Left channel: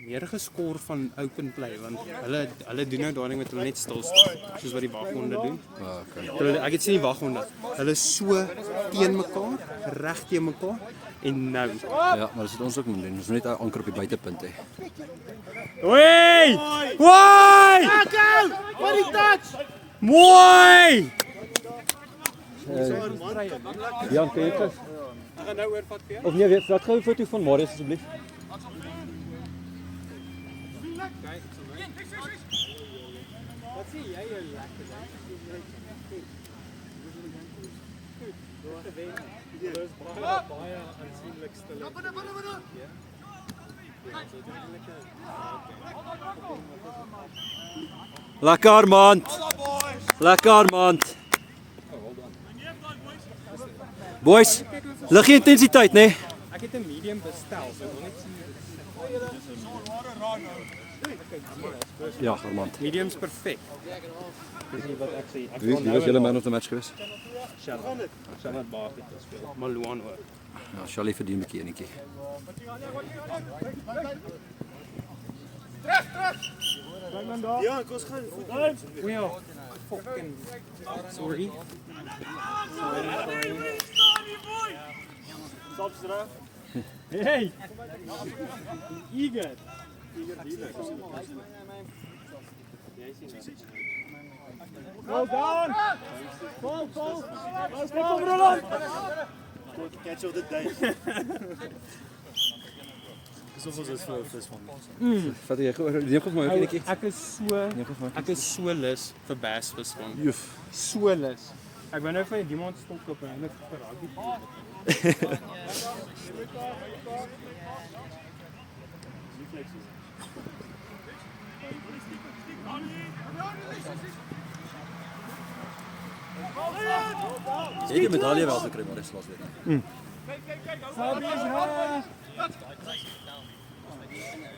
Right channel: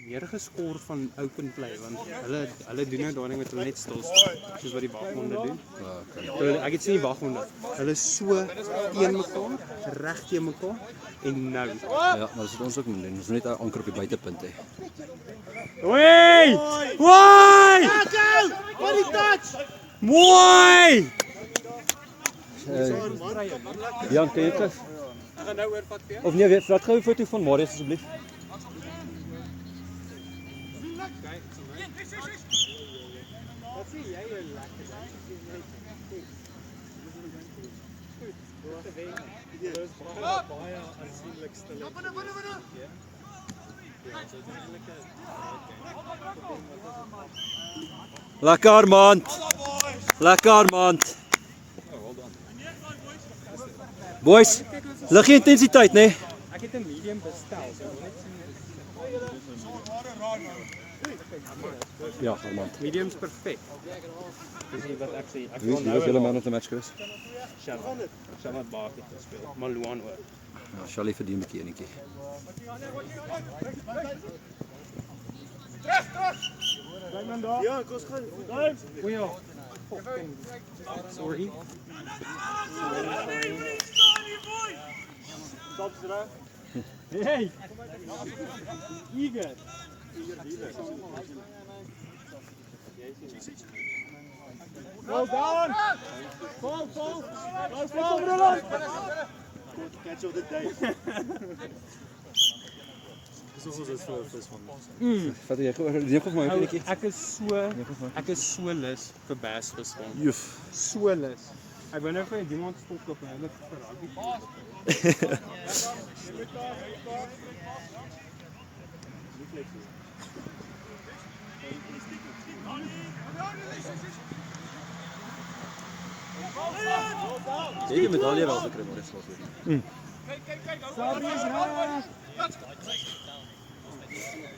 meer geskoor van open play want hulle doen nou daai ding met hulle net stil staan soos wat die waghonde doen. Ek het sien die waghonde. Hulle is so teen mekaar, reg teen mekaar en nou. Ja, maar dis wat ons ook moet doen. Ons moet net anker op die buitepunt hê. Woi! Woi! Wat die touch? Woi! Jan, kan jy terug? Ek gaan nou oorvat vir jou. Of nee, weet, vat gou 'n foto van Marius asseblief. Wat sê jy lekker ding? Dit is baie aansienlik stille. Lekker man. Lekker man. Boys, liggie intensiteit, né? Ek het 'n medium bestel. Ja, Armand. Medium's perfek. Dis nie wat ek sê. Wie was julle man of the match geweest? Shabbat baas het gespeel. Maluan ook. Ja, Charlie verdien 'n bietjie enetjie. Kyk man daar. Ja, kos gaan. Goeie. Fucking sorry. Stop terug. Hey. Eager. Well done. Ball. Nice ball, Roland. Catch of the day. Dis ons vir visvang. Vat jy gou neem gou vir my ook enetjie. Ek is so lus vir bass visvang. Joef. So lus. Ek wou nou van die iemand stop op en ek vir rugby. Jy het die medalje wel gekry maar dis laas weer.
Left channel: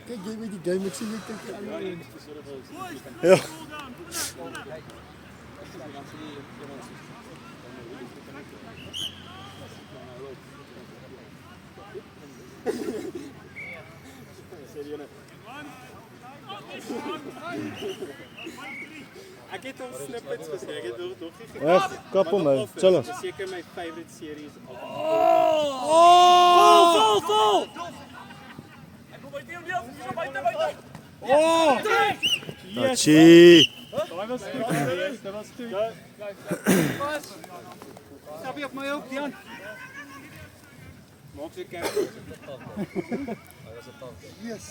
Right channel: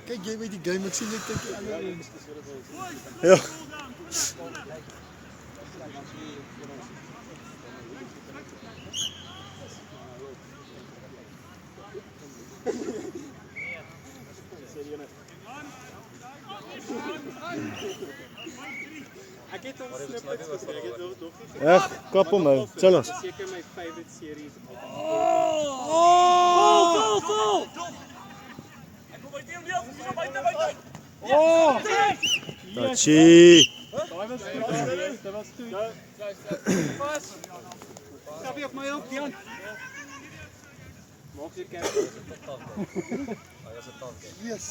Kyk jy met die game, ek sien jy kyk. Ja. Ek het ons snippets gesê, ek het nog nie gesien. Ja, kap hom nou. Chill ons. Seker my favorite series of Vol! Ek kom by die deel, dis op buite. Tachi. Daai was goed. Dit was goed. Pas. Stap jy op my op, Jan? Maak jy kyk. Yes.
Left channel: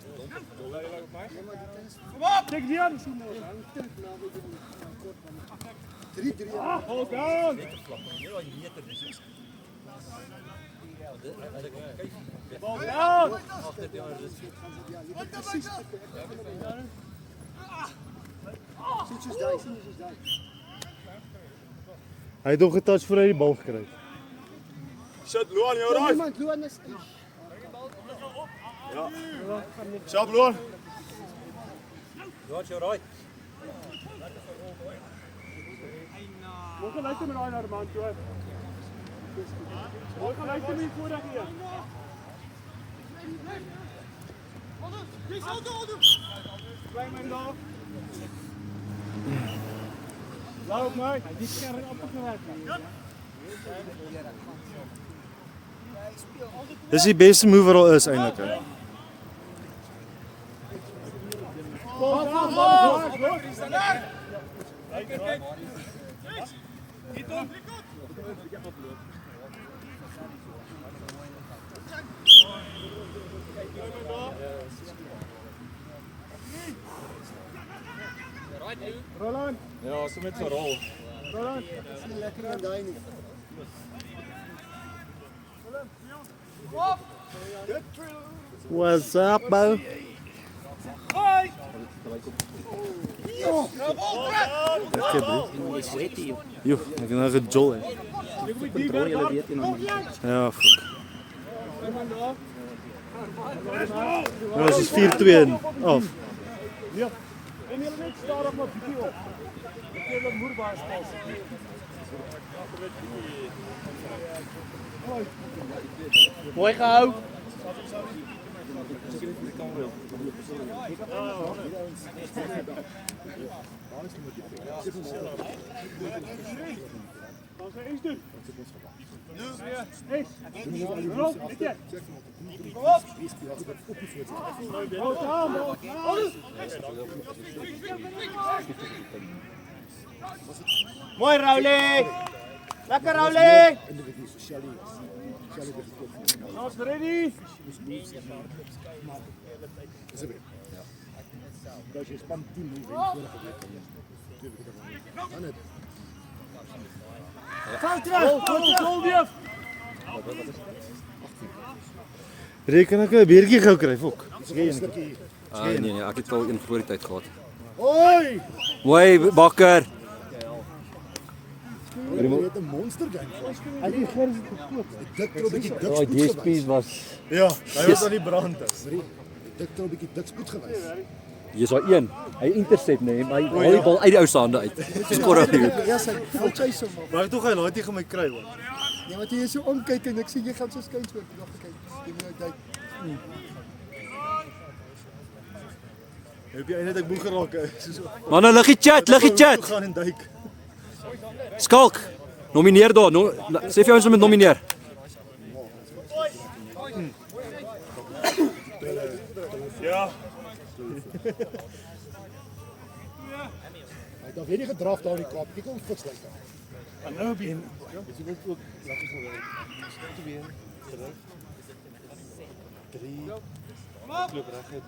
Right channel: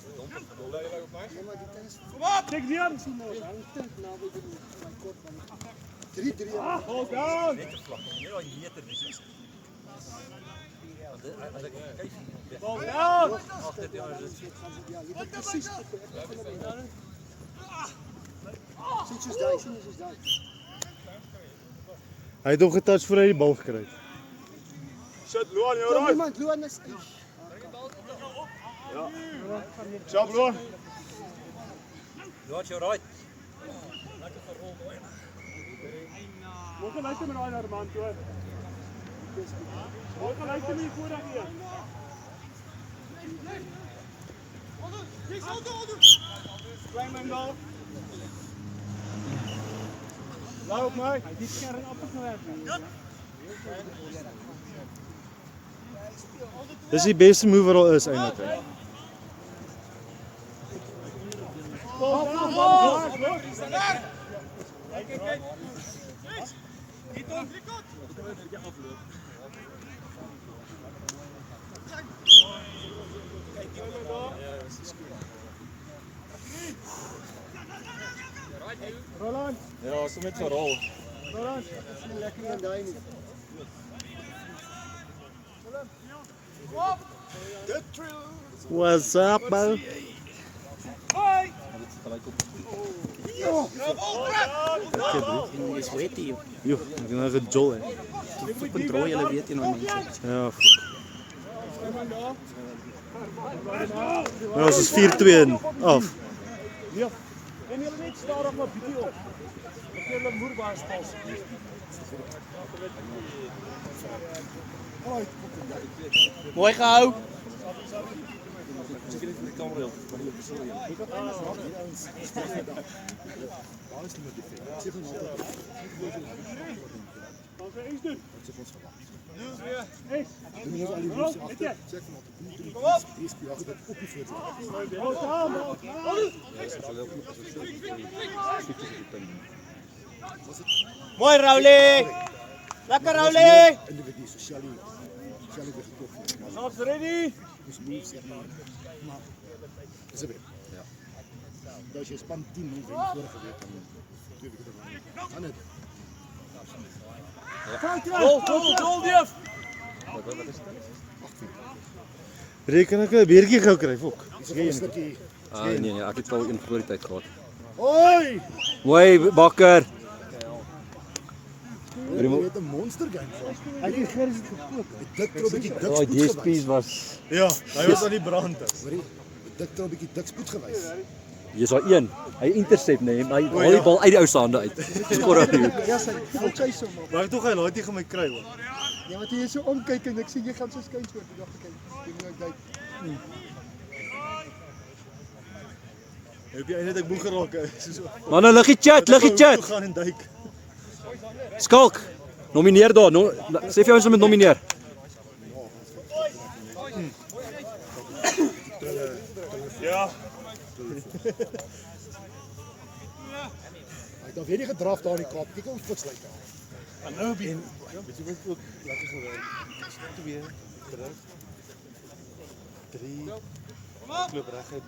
Kom op, kyk Jan. 3-3. Hold down. Hold down. Sit soos daai, sien soos daai. Hy het hom getouch voor hy die bal gekry het. Shot Luan, jy Kom iemand, Luan is. Shot Luan. Watch your right. Mooi geluister met daai man, toe. Mooi geluister met die vorige een. Klein en loop. Loop nou. Die skerm afgewerk. Dis die beste move wat al is eintlik. Roland. Ja, so met gerol. Roland. Sien lekker aan daai nie. What's up, bro? Jo, ek het nou gejol hè. Controle julle weet jy nou. Ja, fuck. Nou is het 4-2 af. Ja. En jy net staar op my bietjie op. Ek wil 'n moerbaar pas. Mooi gehou. Mooi Raulie! Lekker Raulie! Alles ready? Als je span 10 minuten vorige week dan het. Goal, Dief! Reken ek 'n beertjie gou kry, fok. Nee, ek het al in voor die tyd gehad. Hoi! Mooi Bakker. Jy het 'n monster game gehad. Ek het gister gekoop. Dit trou 'n bietjie dik Daai spoed DSP's was Ja, hy was aan die brand. Dit trou 'n bietjie dik spoed gewees. Jy's daai een. Hy intercept nee, hy haal die bal uit die ou se hande uit. Skor op die hoek. Ja, sy voel sy so mop. Maar tog hy laat jy gaan my kry hoor. Nee, want jy is so omkyk en ek sien jy gaan so skyn so. Ek dink kyk, jy moet nou kyk. Jy op die einde dat ek boeg geraak het. So. Manne, liggie chat. Toe gaan en duik. Skalk. Nomineer daar. Sê vir jou ons moet nomineer. Ja. Dan weet jy gedraf daar in die Kaap. Kyk hoe fiks lyk hy. En nou be. Weet jy wat ook lekker sou wees? Stop weer. 3 klop reg uit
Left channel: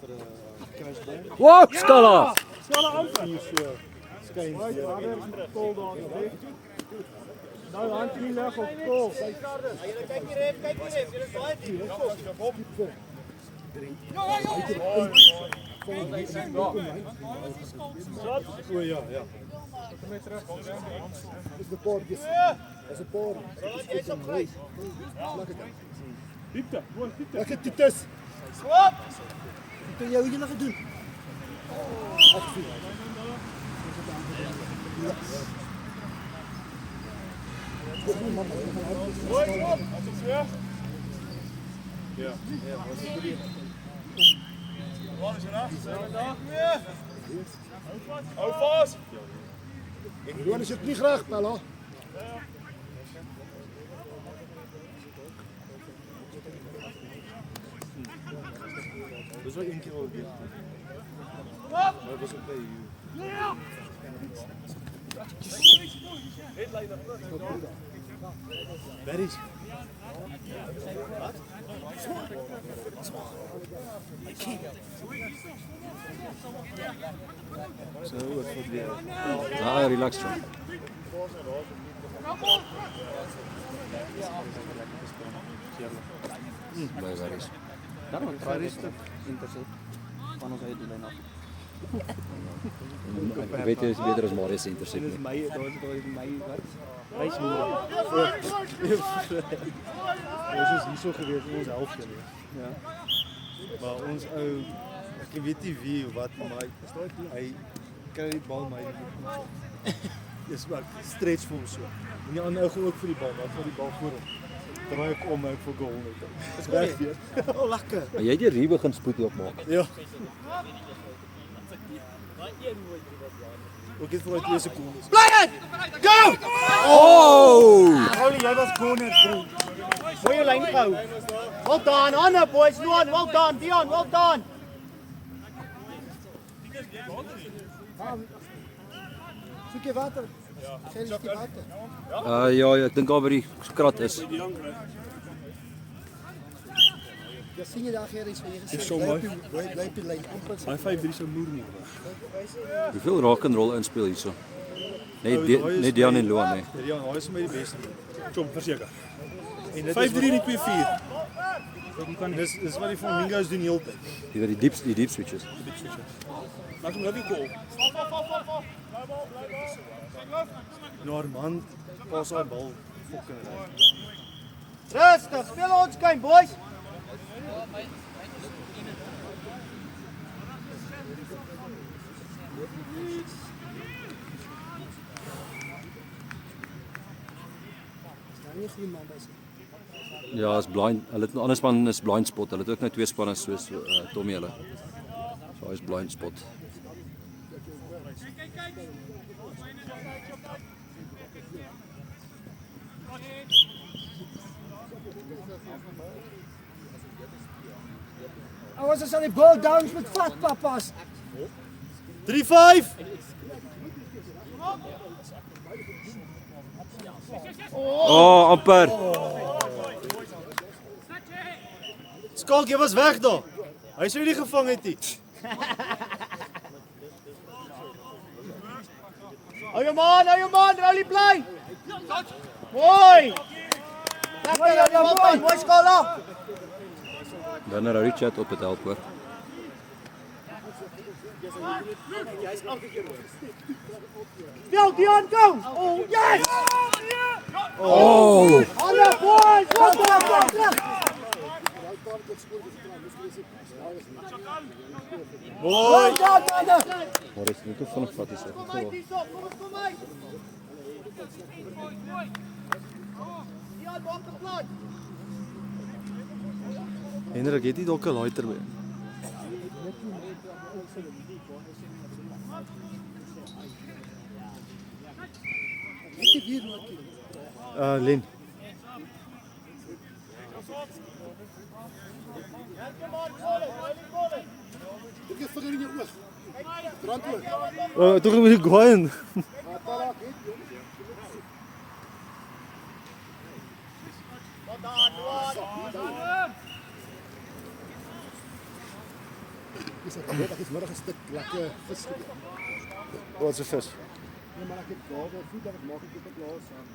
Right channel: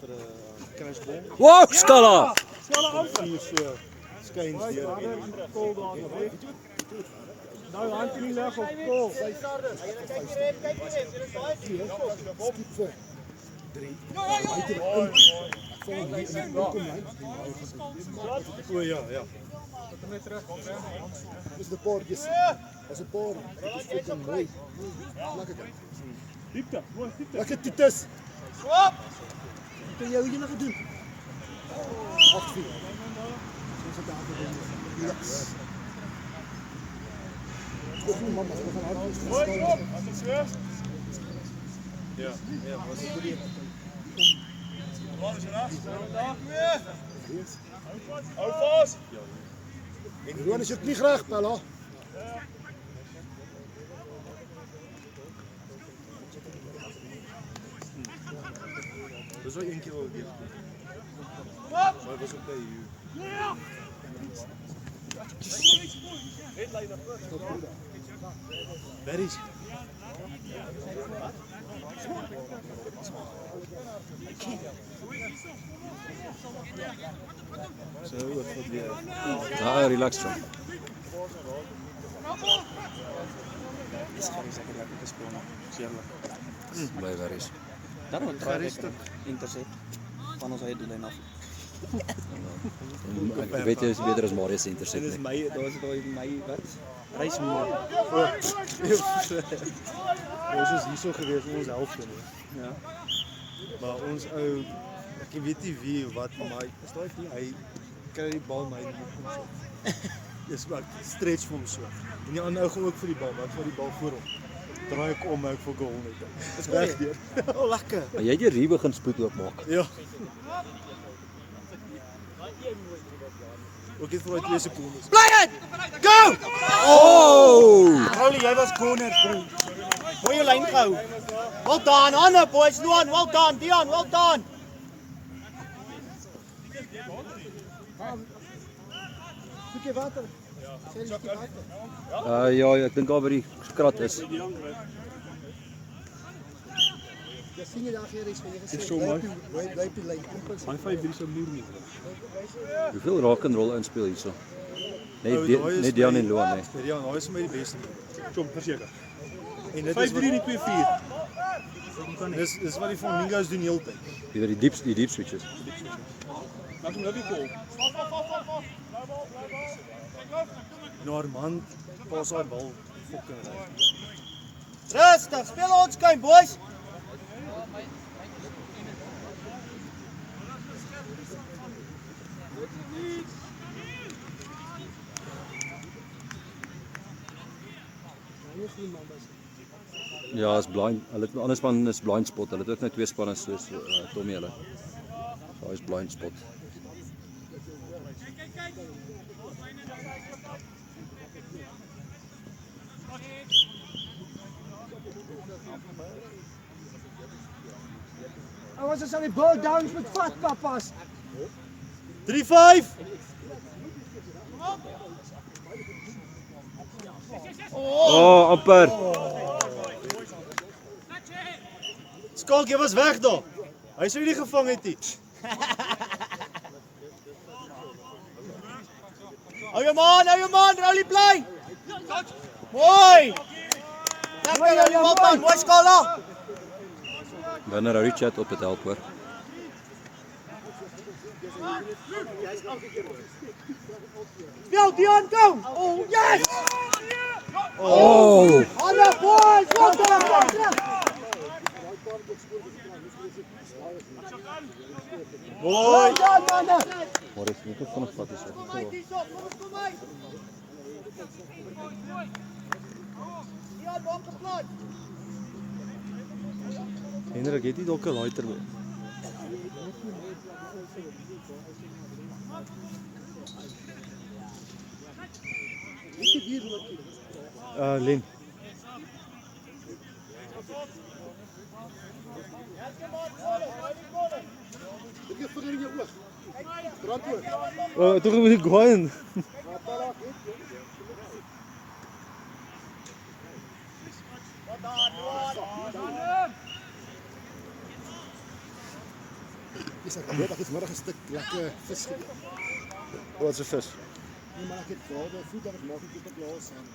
vir 'n crashband. Wow, skala. 4 so skuins deur. Goal daar, hè. Nou hand nie leg op goal. O ja, ja. Dis die poortjies. Dis 'n poort. Dis net mooi. Diepte, mooi diepte. Lekker titus. Swap. Wat jy hier nog gedoen? Mooi swap. As dit so. Ja, was dit die Waar is jy reg? Hou vas. Ek wil net nie graag Pella. Dis wel eentjie wat weer. Maar was dit by Headline na voor. Daar is. so oor wat weer. Ja, relax dan. Baie daar is. Daarom het hy rustig intercept van ons eie doellyn af. Ek weet jy is beter as Marius se intercept Dis nie. my, daar was my wat? Reismoer. Ons is hierso gewees in ons helfte nie. Ja. Maar ons ou ek weet nie wie of wat maar hy kry die bal my nie kom sit. Dis maar stretch vir hom so. En die ander ou gaan ook vir die bal, maar hy vat die bal voor hom. Draai ek om en ek vir goal net. Dis reg deur. Lekker. Maar jy het hier begin spoed oopmaak. Ja. Ook net vir daai 2 sekondes. Oh! Paulie, jy was corners, bro. Goeie lyn gehou. Well done, Anna boys, Luan, well done, Dion, well done. Soek jy water? Sien jy water? Ja, ek dink daar by die krat is. Ja, sien jy daar hier is vir jy gesê. Dis so mooi. Bly op die lyn amper. Hy 5-3 so moer nie. Hoeveel rock and roll inspel hierso? Net Dion en Luan hè. Ja, hy is my die beste. Kom, verseker. En dit 5-3 nie 2-4. Dis wat die Flamingos doen heeltyd. Jy weet die deep switches. Laat hom nou die goal. Norman pas daai bal fucking reg. Rustig, speel ons game boys. Ja, is blind. Hulle het 'n ander span is blind spot. Hulle het ook net 2 spanne soos Tommy hulle. So hy is blind spot. Ons is aan die bal downs met vat papas. 3-5. Oh, amper. Skalk, jy was weg daar. Hy sou nie gevang het nie. Hou jou man, rally play. Mooi. Lekker, mooi skala. Dan hou Richard op het help hoor. Go, Dion, go. Oh, yes. Oh! On the boys, what the? Mooi. Maar is nie van 'n vat is dit. Hendrik, het jy dalk 'n lighter by? Len. Toch moet ik gooien. Ek het môre 'n stuk lekker vis geëet. Wat is 'n vis? Nee, maar ek het gawe voed dat ek maak ek op 'n plaas aan.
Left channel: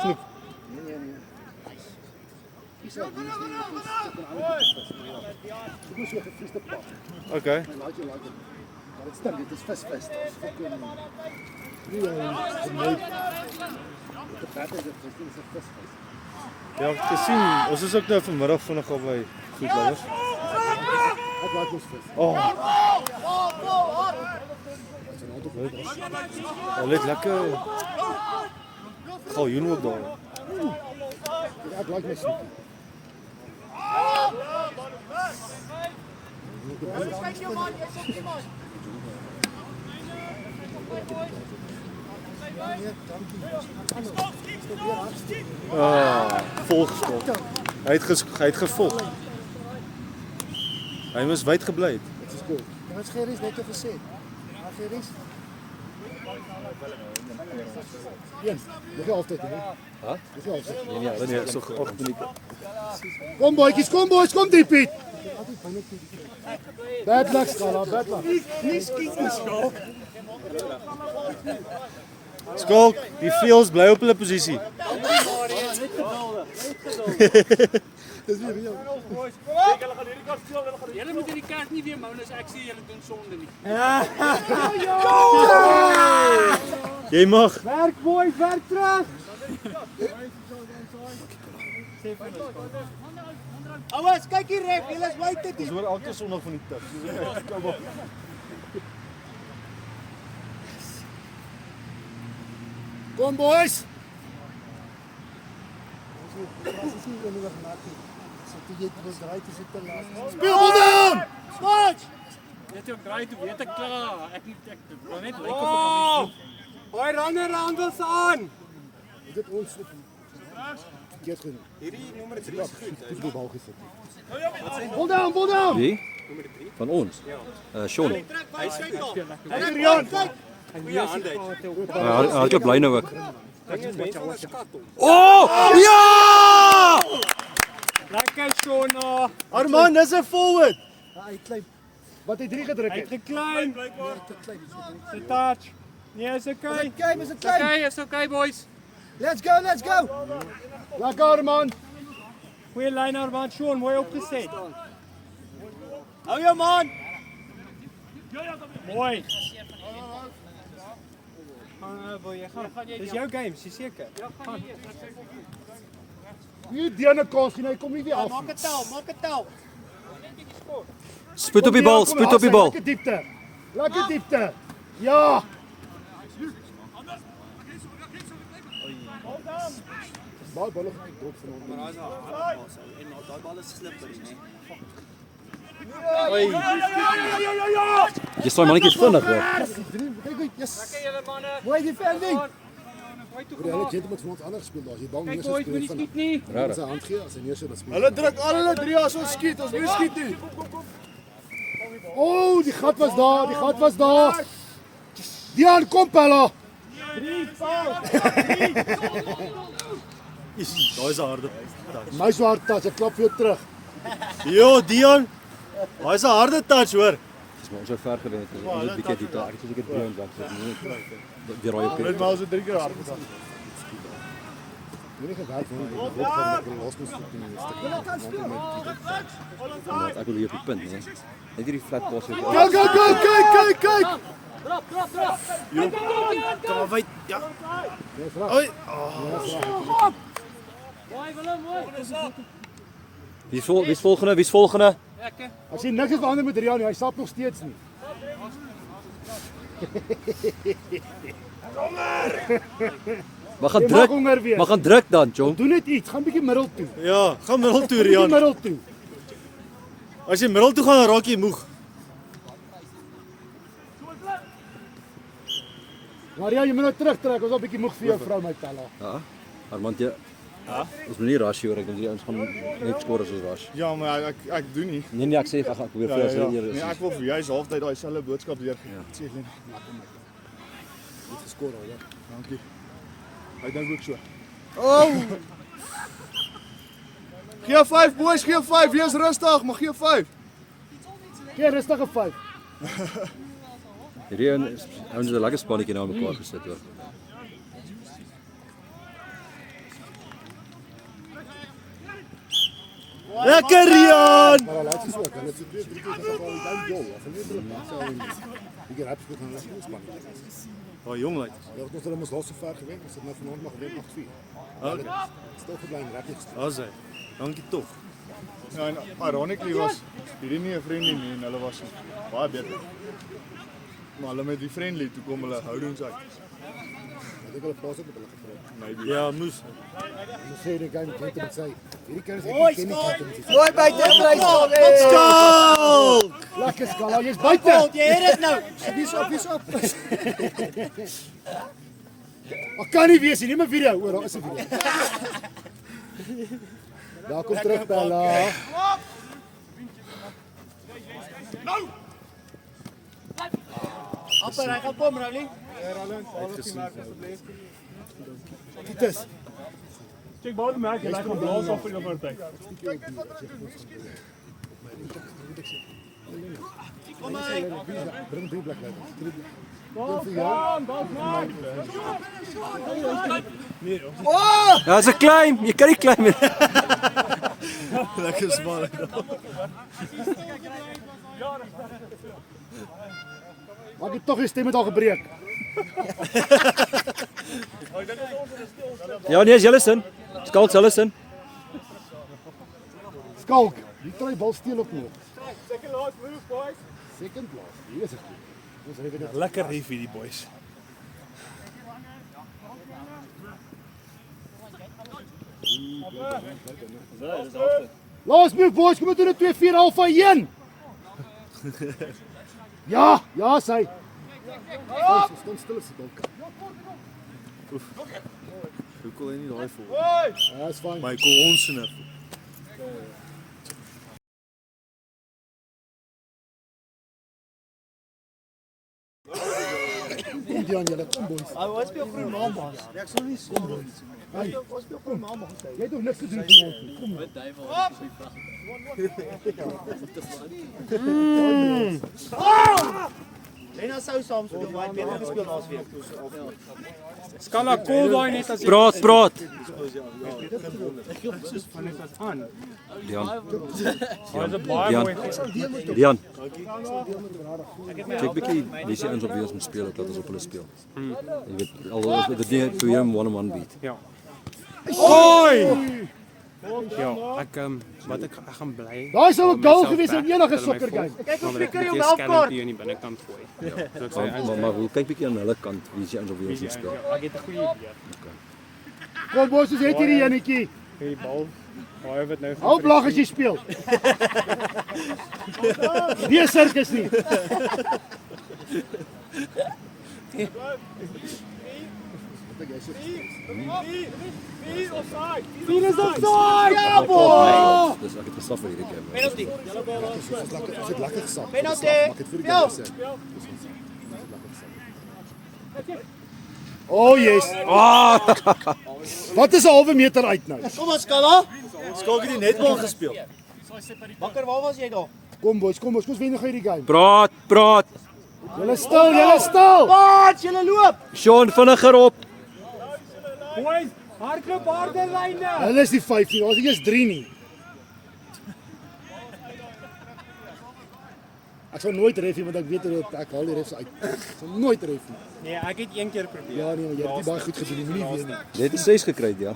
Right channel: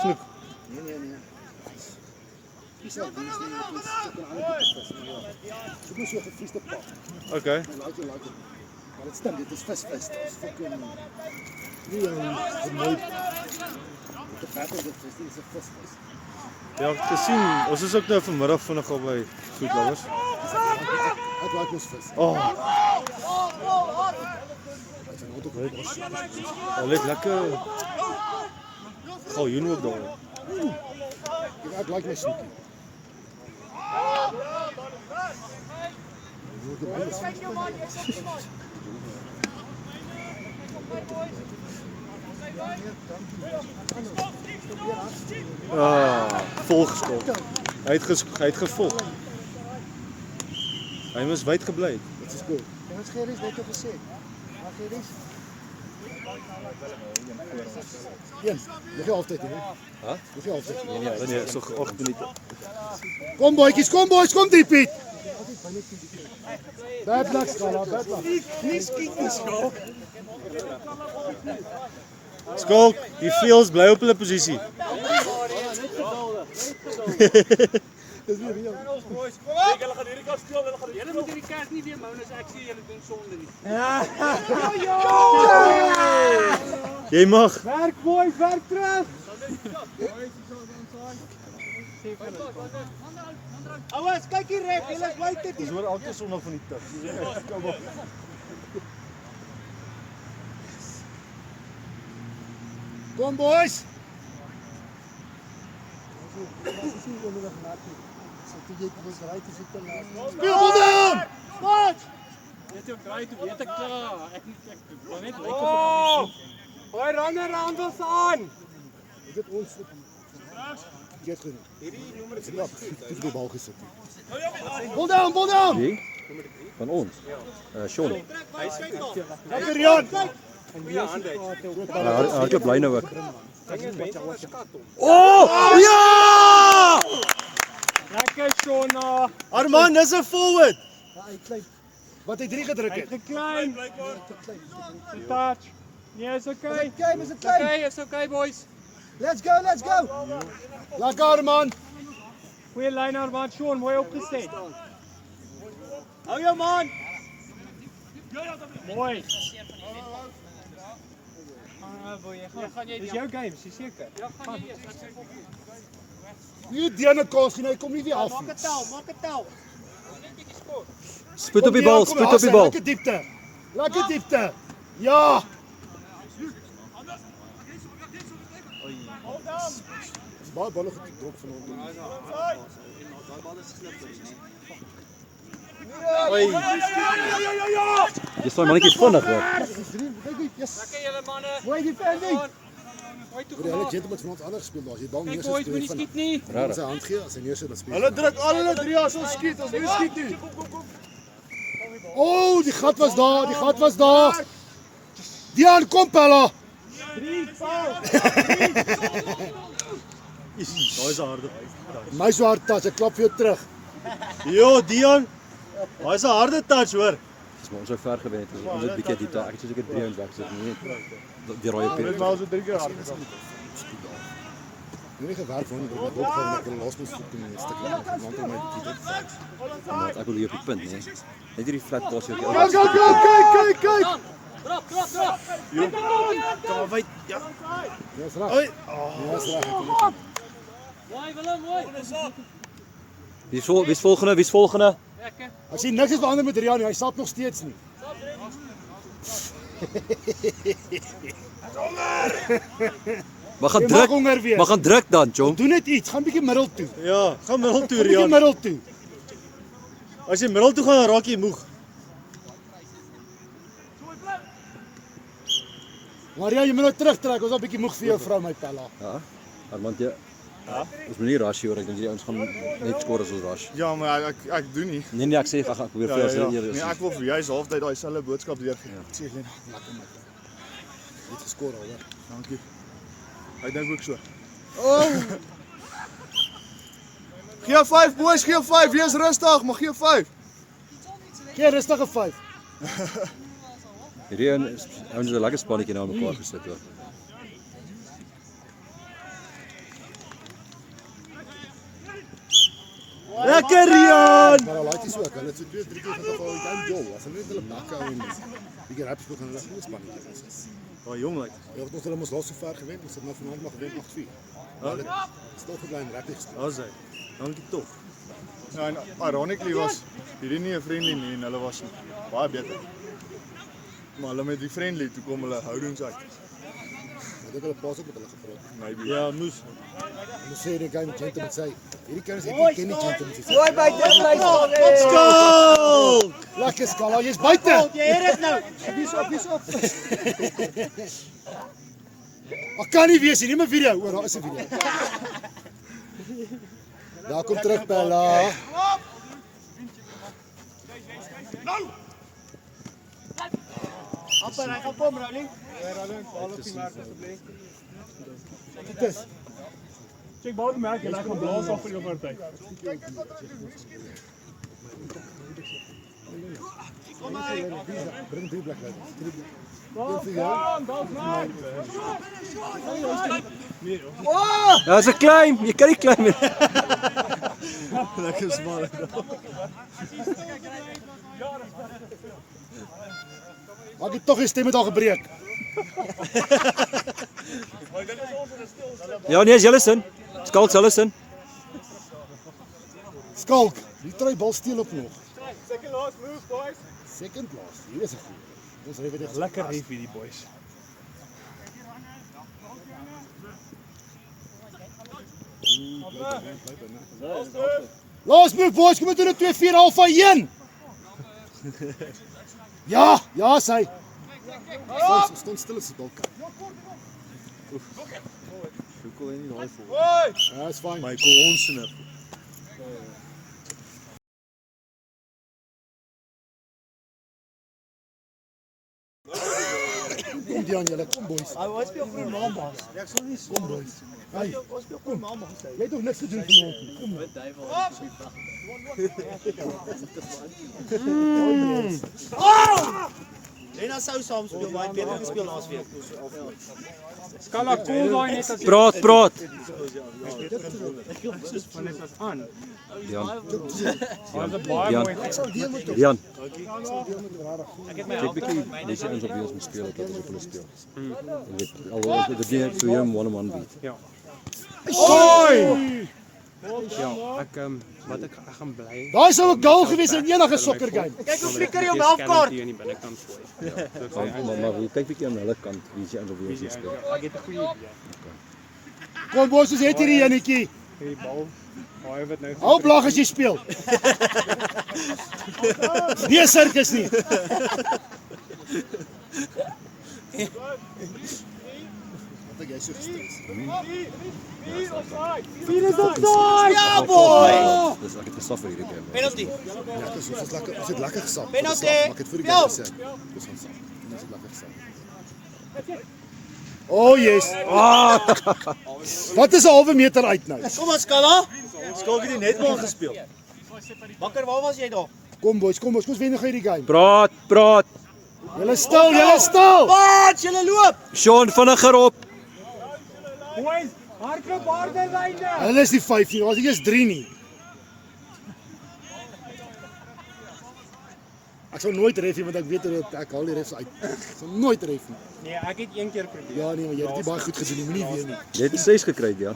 Snoek. Nee. Dis al dis nie net is ek kan ander vis. Ek moet so gefriesde pap. Okay. I like it. Maar dit stem, dit is vis. Dit is fucking nie vermoed. Dit praat oor dit is 'n vis. Ja, ek het gesien. Ons is ook nou vanmiddag vinnig al by Goed Lovers. Ek like mos vis. Oh. Hulle het lekker galjoen ook daar. Ek like my snoekie. Volgeskop. Hy het gevolg. Hy moes wyd gebly het. Dit is goed. En ons geries net gesê. Maar geries. Eens, dis altyd, hè? Hæ? Dis altyd. Nee, so 8 minute. Kom boys, kom die Piet. Bad luck, Skala, bad luck. Nie skiet nie, Skalk. Skalk, die veels bly op hulle posisie. Dis weer reël. Julle moet hierdie kers nie weer mou as ek sê julle doen sonde nie. Jy mag. Werk boys, werk terug. Ouers, kyk hier reg, julle is buite Ons hoor elke Sondag van die tug. Soos ek kyk, kom op. Kom boys. Speel bal dan. Dit is baie te weet ek klaar. Ek wil net lyk of ek Boy, runner handels aan. Dit ons Geet genoeg. Hierdie nommer 3 is goed. Dis die bal gesit. Bal down. Wie? Van ons. Sean. Hy het bly nou ook. Oh! Ja! Lekker Shona. Arman, dis 'n forward. Wat hy 3 gedruk het. Geklein. Die touch. Nee, is okay. Is Okay, is okay boys. Let's go. Lekker man. Goeie lyn aan wat Sean mooi opgeset. Hou jou man. Mooi. Dis jou game, is jy seker? Nie Diana kos nie, hy kom nie weer af. Maak dit tel. Spoed op die bal, spoed op die bal. Lekker diepte. Ja. Baie balle gedrop van hom. Daai bal is slippery, né? Jy staan mannetjie vinnig hoor. Kyk goed, yes. Mooi defending. Hulle het met van ons anders gespeel, maar as jy bal neer Boys, moenie skiet nie. Rarig. sy hand gee, as hy neer so dat speel. Hulle druk al hulle 3 as ons skiet, ons moet skiet nie. Oh, die gat was daar, die gat was daar. Dian, kom Pella. Daai is 'n harde. My so hard tas, ek klap vir jou terug. Jo, Dion. Daai is 'n harde touch hoor. Dis maar ons sou ver gewen het. Ons het bietjie diepte. Ek het seker 3 ons weg sit nie. Die rooi Dit pet. maar so 3 keer hard. Nie gewerk van die hoop van die laaste voet in die stuk. Maar ek wil hier op die punt, nee. Net hierdie flat pass het. Kyk, kyk, kyk. Kom maar wyd. Ja. Dis reg. Oi. Wie's volgende? Wie's volgende? Ek sien niks is verander met Rian nie, hy stap nog steeds nie. Maar gaan Jy druk. mag honger wees. Maar gaan druk dan, Chong. Doen net iets, gaan bietjie middel toe. Ja, gaan middel toe, Bietjie Rian. middel toe. As jy middel toe gaan, dan raak jy moeg. Maar ja, jy moet nou terugtrek, ons is al bietjie moeg vir jou vrou my Pella. Ja. Armand jy. Ja. Ons moet nie rush hier hoor. Ek dink hierdie ouens gaan net skoor as ons rush. Ja, maar ek doen nie. Nee, ek sê ek gaan probeer vir jou eers. Nee, ek wil vir juist halftyd daai selfe boodskap leer. Sê jy het geskor al, hoor. Dankie. Hy dink ook so. Oh, Gee 5 boys, gee 5. Wees rustig, maar gee 5. gee rustige 5. Hierdie ouens het 'n lekker spannetjie na mekaar gesit hoor. Lekker Rian. Maar laat jy so, kan dit 2, 3 keer gaan al dan jol. As hulle net hulle maak hou en die rap speel gaan hulle spanning. Oh, jong lyk. Ja, ons het hulle mos al so ver gewen, ons het nou vanaand nog gewen 8-4. Hulle stil gebly en rap nie gestaan. Was hy. Dankie tog. Ja, en ironically was hierdie nie 'n friendly nie en hulle was baie beter. Maar hulle met die friendly toe kom hulle houdings uit. Ek dink hulle pas op met hulle gekry. Maybe. Ja, moes. Hulle sê die game gentleman sê, hierdie kinders het nie ken nie gentleman sê. Mooi buite vry staan. Skaal! Lekker skaal, jy's buite. Jy het dit nou. Wie op. Ek kan nie wees nie, neem 'n video. O, daar is 'n video. Daar kom terug Bella. Amper hy gaan kom, Ronnie. Dit is Check bal die merk en hy gaan blaas af vir jou party. bring 3 plek uit. Ja, dis 'n klein. Jy kan nie klein met. Lekker smal. Maak jy tog die stem het al gebreek. Ja, nee, is julle sin. Skalk julle sin. Skalk, die try bal steel op nog. Second last move, boys. Second last. Hier is dit. Dis reg weer. Lekker heavy die boys. Last move boys, kom ons doen 'n 2-4 half 1. Ja, ja, sy. Staan stil as die bal. Hoe kon hy nie daai vol? Ja, is fyn. Michael Onsener. Kom die aan julle, kom boys. Hy speel vir Maandag. Ek sou nie so. Hey, Ons speel vir Maandag. jy het ook niks te doen vanaand nie. Kom. Wat duiwel op die vrag. Lena sou saam speel, maar ek het gespeel laas week. Skala cool daai net as Praat, praat. Dian. Dian. Dit bietjie dis ons op wie ons moet speel dat ons op hulle speel. Jy weet alhoewel dit nie vir jou 1-on-1 beat. Ja, ek wat ek gaan bly. Daai sou 'n goal gewees in enige sokker game. Kyk hoe flikker jy hom halfkort. Hier in die binnekant gooi. Ja, Maar hoe kyk bietjie aan hulle kant wie se ons op wie ons moet speel. ek het 'n goeie idee. Kom boys, ons het hierdie enetjie. Die bal. Hy wat nou Hou lag as jy speel. Nie sirkus nie. Vier is offside. Ja, boy. Dis ek het gestaf vir hierdie game. Penalty. Ja, dis lekker. Dit is lekker gesap. Penalty. Maar ek het vir die game gesê. Dis lekker gesap. Oh yes. Wat is 'n halwe meter uit nou? Kom ons Kala. Skalk het die netbal gespeel. Bakker, waar was jy daar? Kom boys, kom ons wen nog hierdie game. Praat. Julle stil. Wat, julle loop. Sean vinniger op. Boys, hardloop harder lyne. Hulle is die 5 nie, was nie eens 3 nie. Ek sou nooit ref nie, want ek weet ek haal die refs uit. Ek sou nooit ref nie. Nee, ek het een keer probeer. Ja nee, maar jy het nie baie goed gedoen, moenie weer nie. Jy het 'n 6 gekry, ja.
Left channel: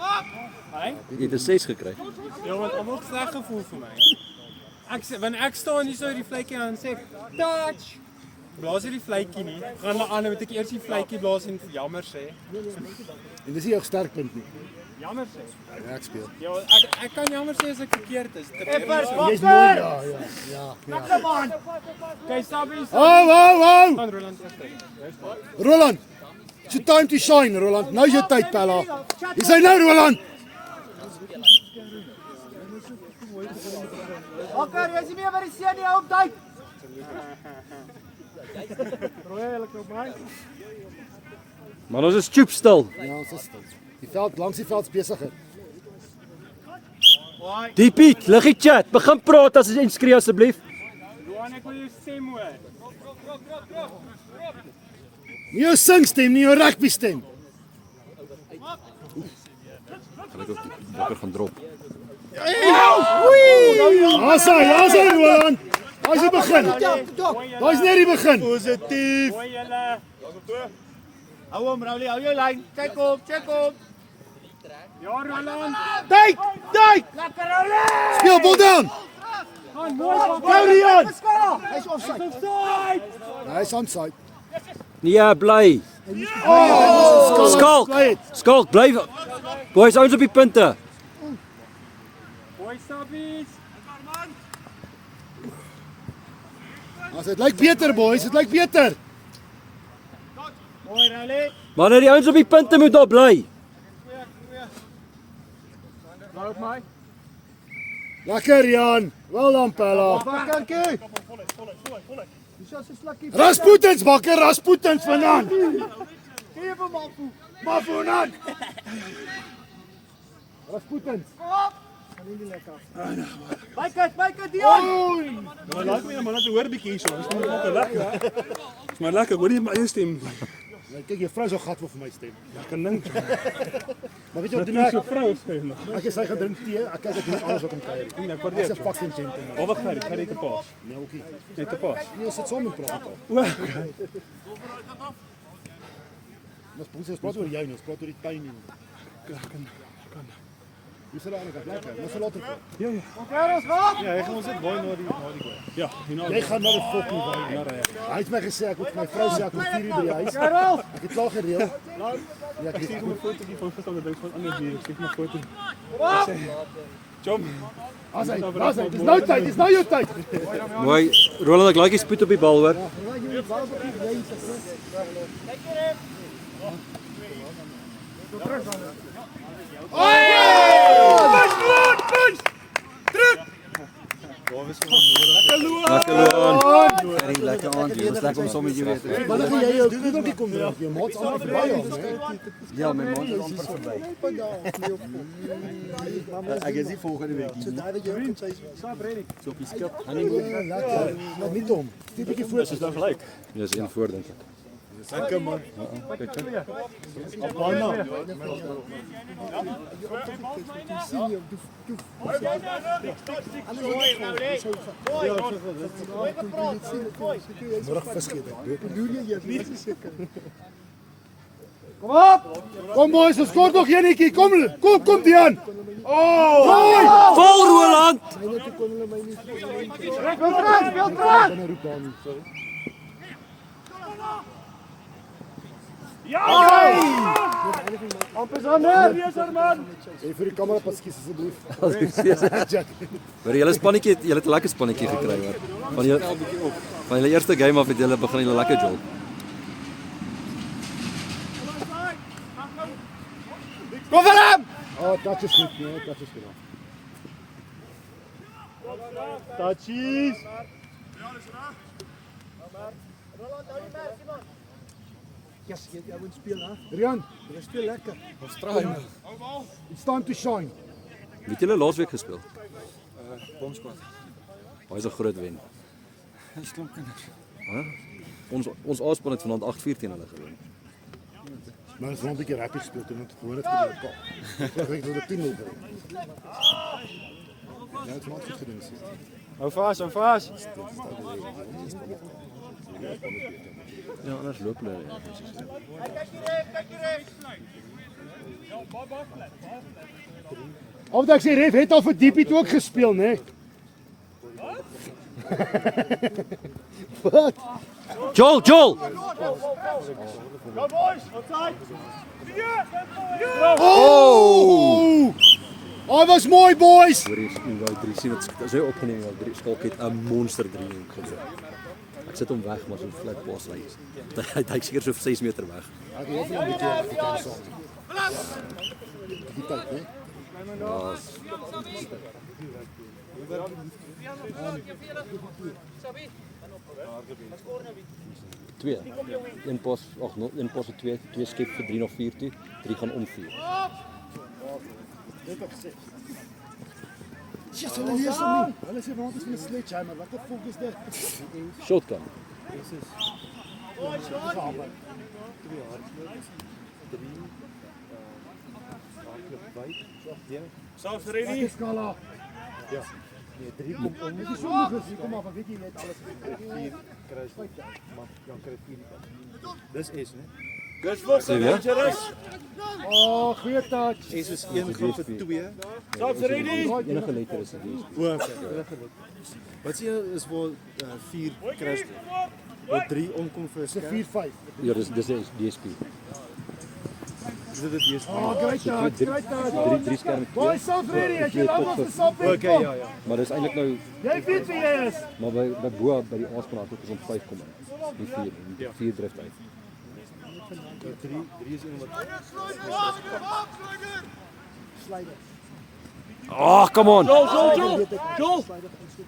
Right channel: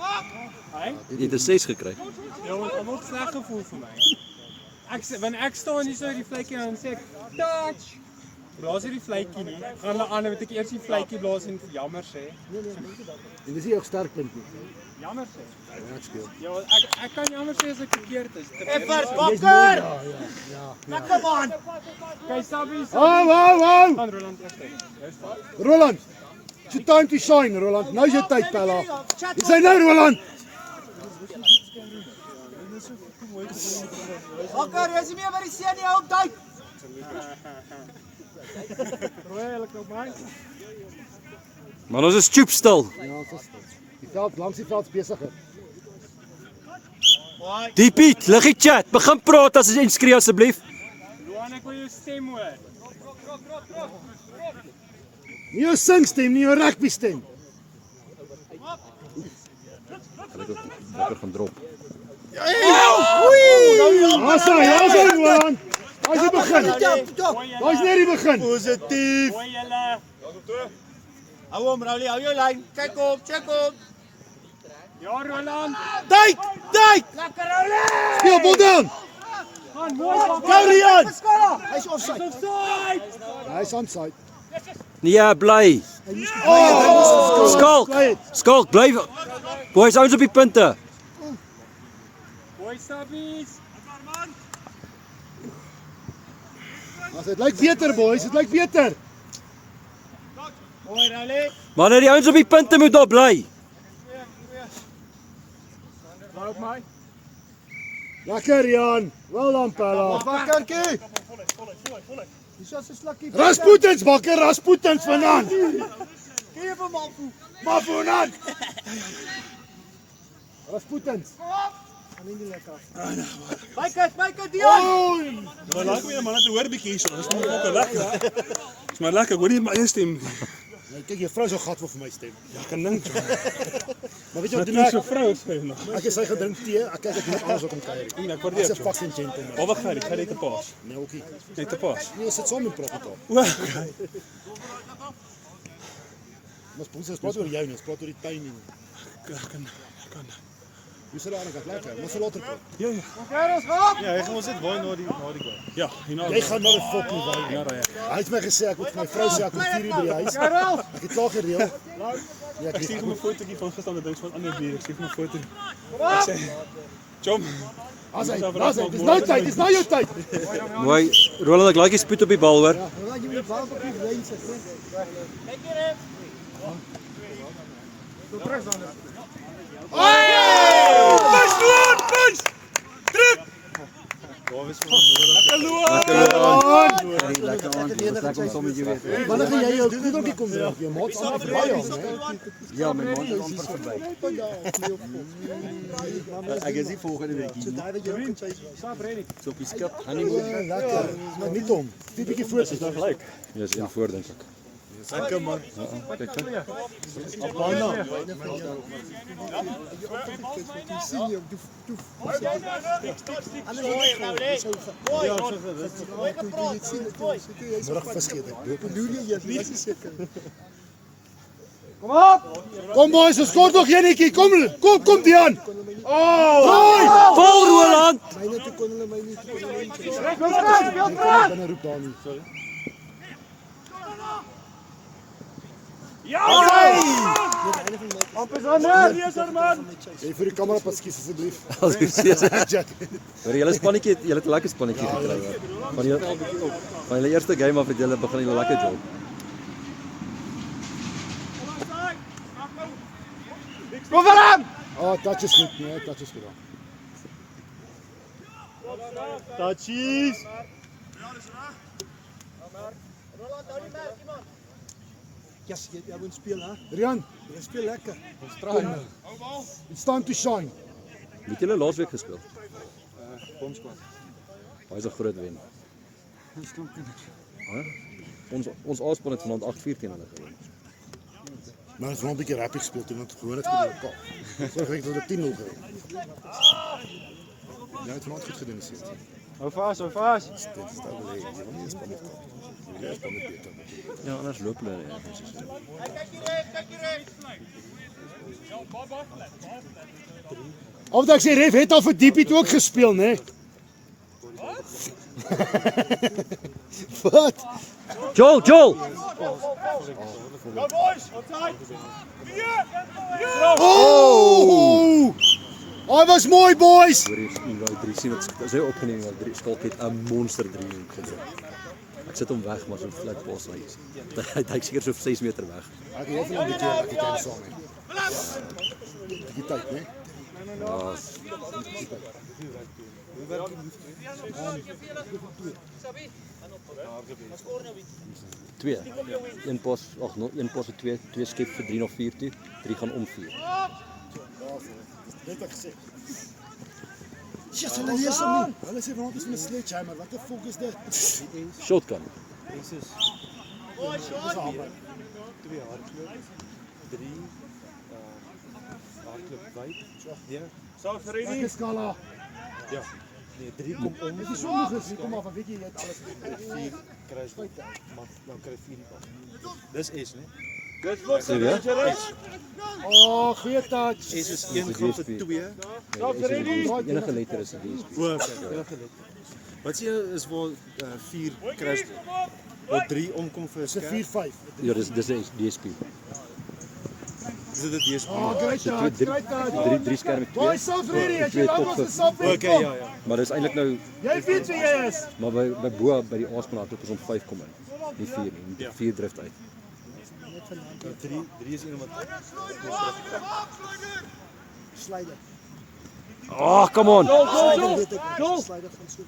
Hy? Jy het 'n 6 gekry. Ja, want almal het sleg gevoel vir my. Wanneer ek staan hier so die vletjie aan sê ek, touch. Blaas hierdie vletjie nie. Gaan hulle aan, moet ek eers die vletjie blaas en jammer sê. En dis nie jou sterkpunt nie. Jammer sê. Ja, ek speel. Ja, ek kan jammer sê as ek verkeerd is. Effers, Jy's mooi, ja. Kom aan. Kyk, Sabie. Hou. Gaan Roland terug. Jy's fyn. Roland. It's your time to shine, Roland. Nou is jou tyd, Pella. Dis hy nou, Roland. Bakker, jy is nie meer by die see nie, hou op duik. Rooi, hulle kom by. Maar ons is stoep stil. Ja, ons is stil. Die veld langs die veld is besigger. Die Piet, lig die chat. Begin praat as jy inskree asseblief. Johan, ek wil jou stem hoor. Nie jou singstem, nie jou rugby stem. Kan ek ook wakker gaan drop. Ons hy, Roland. Hy is die begin. Hy is net die begin. Positief. Hoor julle. Hou hom, Rowley, hou jou lyn. Kyk op, check op. Ja, Roland. Duik. Speel bal dan. Gaan mooi van. Hy's offside. Offside. Hy is onside. Nee, bly. Skalk, bly. Boys, ouens op die punte. Boy Sabies. Dit lyk beter, boys. Dit lyk beter. Mooi, Rowley. Maar die ouens op die punte moet daar bly. Loop my. Lekker, Jan. Wel dan, Pella. Bakkertjie. Rasputins, bakker, Rasputins vanaand. Gee vir Mafu. Mafunan. Rasputins. Byker, Dion. Goeie man, het hoor bietjie hierso. Dis net ook lekker. Dis maar lekker, hoor nie my eie stem. Kyk, jou vrou so gat vir my stem. Ja, kan dink. Maar weet jy wat doen Dis ek? so vrou skryf nog. Ek is hy gedrink tee. Ek kyk ek doen alles wat om kuier. Ek Dis waardeer 'n dit. fucking gentleman. Al wat gaan ek net 'n paas. Nou ookie. Net 'n paas. Nee, sit saam en praat. O, Ons praat oor jou nie, ons praat oor die timing. kan. Hoe sê jy dat lekker? Ons later. Ja, Ja, hy gaan ons dit baie na die ja, hierna. Jy gaan nou die fucking wy. Hy het my gesê ek moet my vrou sê ek kom 4 uur by die huis. Ek het klaar gereël. Ja, ek Ek stuur het hom 'n fotootjie van gister ding van ander bier. Ek stuur hom 'n foto. Ek sê, "Chom, As hy, dis nou tyd, dis nou jou tyd. Mooi. Roland, ek like die spoed op die bal, hoor. Wanneer gaan jy jou koedeltjie kom dra? Jou maat is amper verby al, né? Ja, my maand is amper verby. Ek is nie volgende week nie. So op die skat. Lekker. Maar nie hom. Die bietjie voor. Is nou gelyk? Ja, is een voor dink ek. lekker man. Môre vis gee dit. Kom op! Kom boys, ons kort nog enetjie. Kom Dian. Vol Roland. Speel terug! Dan roep daar nie. Ja! Jy vir die kamera pas skies asseblief. Maar julle spannetjie, julle het 'n lekker spannetjie gekry hoor. Van julle eerste game af het julle begin julle lekker jol. Kom vir hom! Touch is goed, nee, touch is goed. Touchies. Yes, jy moet speel hè. Rian, jy speel lekker. Ons try. It's time to shine. Het julle laasweek gespeel? Hy is 'n groot wen. Ons A-span het vanaand 8-4 teen hulle gewen. Maar ons het 'n bietjie rap gespeel toe met gewoon het gespeel. Ek dink dat 10-0 gewen. Ja, het vanaand goed gedoen is. Hou vas, hou vas. Ja, anders loop hulle ergens. Of ek sê ref het al vir Diepie toe ook gespeel, né? Wat? Joel! Oh! Hy was mooi, boys. Hoor jy, daai 3 sien wat sy opgeneem het, 3 skalk het 'n monster 3 gedoen. Ek sit hom weg maar so flat pas ry. Hy seker so 6 meter weg. Ek hoor van 'n bietjie goed aan saam. Die tyd, né? Ja. Twee. Een pas, ag no, een pas vir 2 skep vir 3 nog 4 toe. 3 gaan om 4. Dit ek gesê. Yes, hulle lees hom nie. Hulle sê vanaand is met 'n sledgehammer. Wat die fuck is dit? Shotgun. South Dit ready? is skala. Ja. Nee, 3 kom om. Dis so moeilik, kom maar, weet jy net alles. 4 kry jy. Maar dan kry 4 nie. Dis S, né? Dis vir Sien jy? Oh, goeie touch. S is 1 groep 2. South ready. Enige letter is 'n D. O, okay. Wat sê jy is waar 4 kry of 3 omkom vir 'n Dis 'n skerm? 4-5. Ja, dis DSP. Is dit die DSP? Oh, great So touch, great touch. 3 skerm met Boys, self ready. As jy nou was self ready. Okay, ja, ja. Maar dis eintlik nou Jy weet wie jy is. maar by bo by die A-span het ons om 5 kom in. Die 4 en die 4 drift uit. 3 is een wat Slider. Oh, come on. Slider weet ek. Joel. Slider gaan so.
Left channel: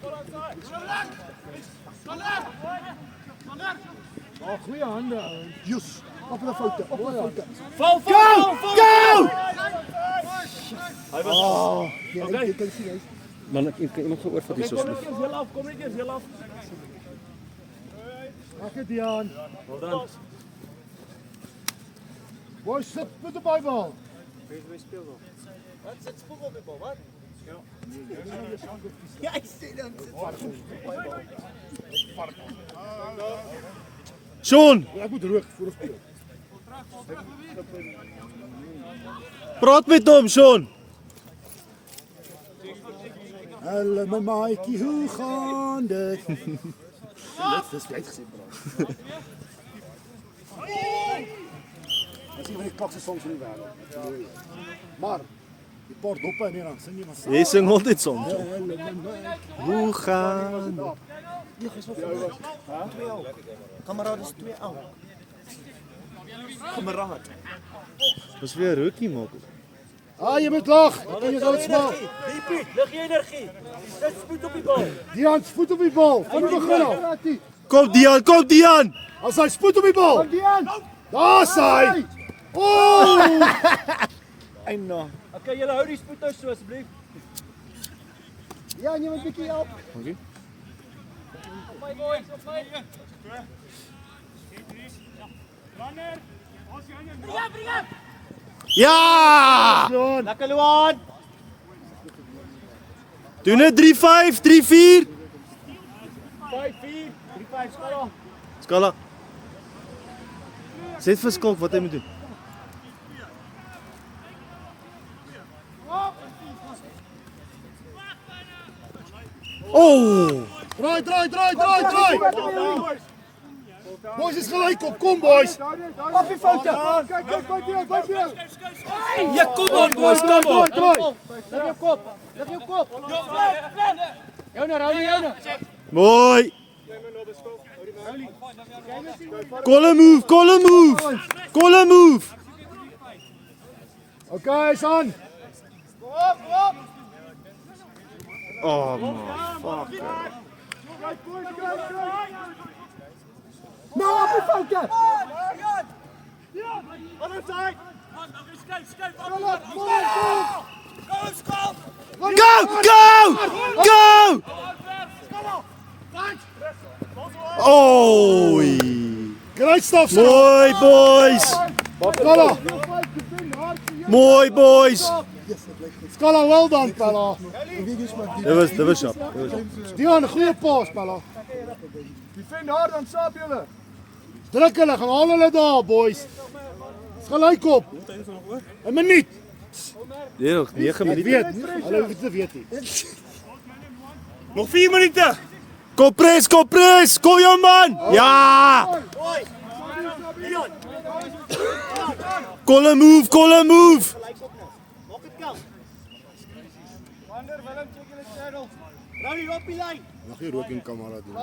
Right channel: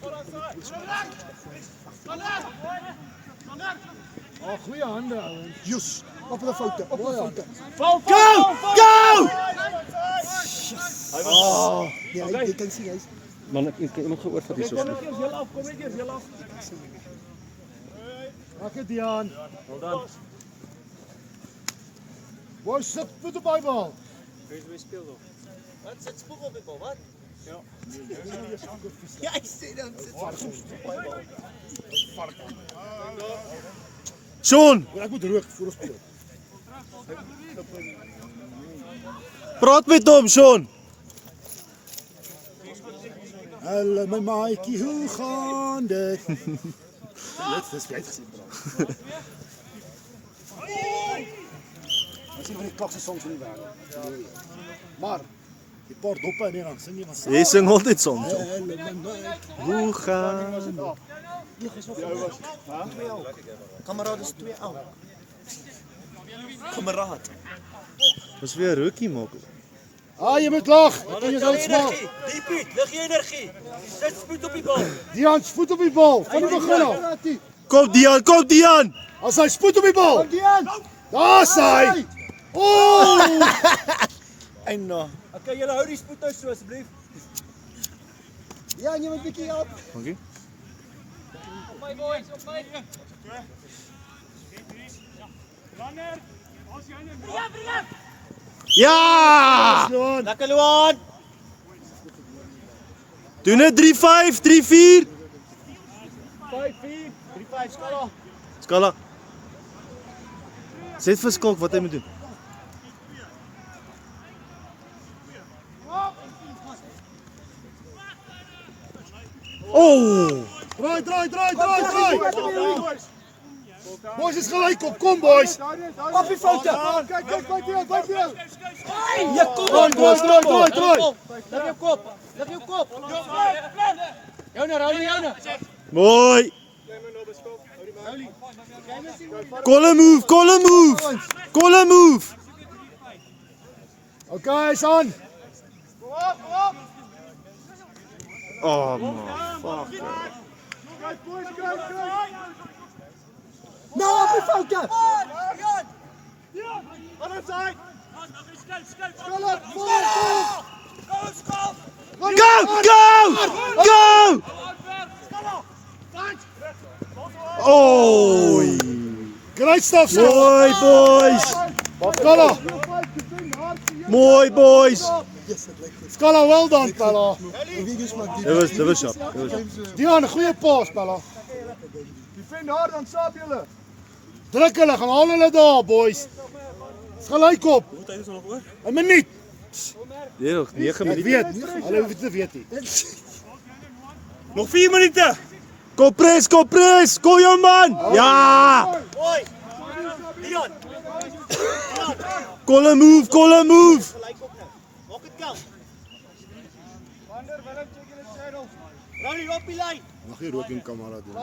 Oh, goeie hande. Jus. Op die foute. Op die foute. Go! Oh, ja, jy kan sien hy's Man, ek iemand gehoor van die Kom soos. net eers heel af, kom net eers heel af. Dankie Dian. Wel dan. Boys, sit voet op die bal. Wat sit spoeg op die bal, wat? Sean, Ek moet rook voor ons speel. praat met hom, Sean. Hallo my maatjie, hoe gaan dit? Net dis jy gesê bro. Dis nie van die kakse songs in die wêreld. Maar die paar doppe en dan sing jy van Jy sing altyd soms. Hallo my maatjie. Hoe gaan dit? Kameraad is 2 ou. Kameraad. Ons weer rookie maak. Ah, jy moet lag. Ek ken jou sal smaak. Diepie, lig jy energie. Sit spoed op die bal. Dian, voet op die bal. Van die begin af. Kom Dian. As hy spoed op die bal. Kom Dian. Daar's hy. Oh! En nou. Okay, julle hou die spoed uit so asseblief. Ja, jy moet 'n bietjie help. Dankie. Op my boys, op my. Runner. Ons gaan jou. Bring hom. Ja! Lekker Luan. Doen dit 3-5, 3-4. 5-4, 3-5 skala. Skala. Sê vir Skalk wat hy moet doen. Oh! Draai. Boys is gelyk op, kom boys. Koffie foute. Kyk, kyk. Ja, kom on, Boys, draai. Lig jou kop. Joune, Joune. Mooi. Call a move. Okay, is aan. Oh man, fuck. Nou op die foute. Go! Oh! Great stuff, son. Mooi boys. Skala. Mooi boys. Skala, well done, Pella. Dit was sharp. Dion, 'n goeie pas, Pella. Die vind hard dan saap julle. Druk hulle, gaan haal hulle daar, boys. Is gelyk op. 'n Minuut. Ja, 9 minute. Weet, hulle hoef dit te weet nie. Nog 4 minute. Kompres, kom jou man. Ja! Call a move. Mag jy rook in kamera doen?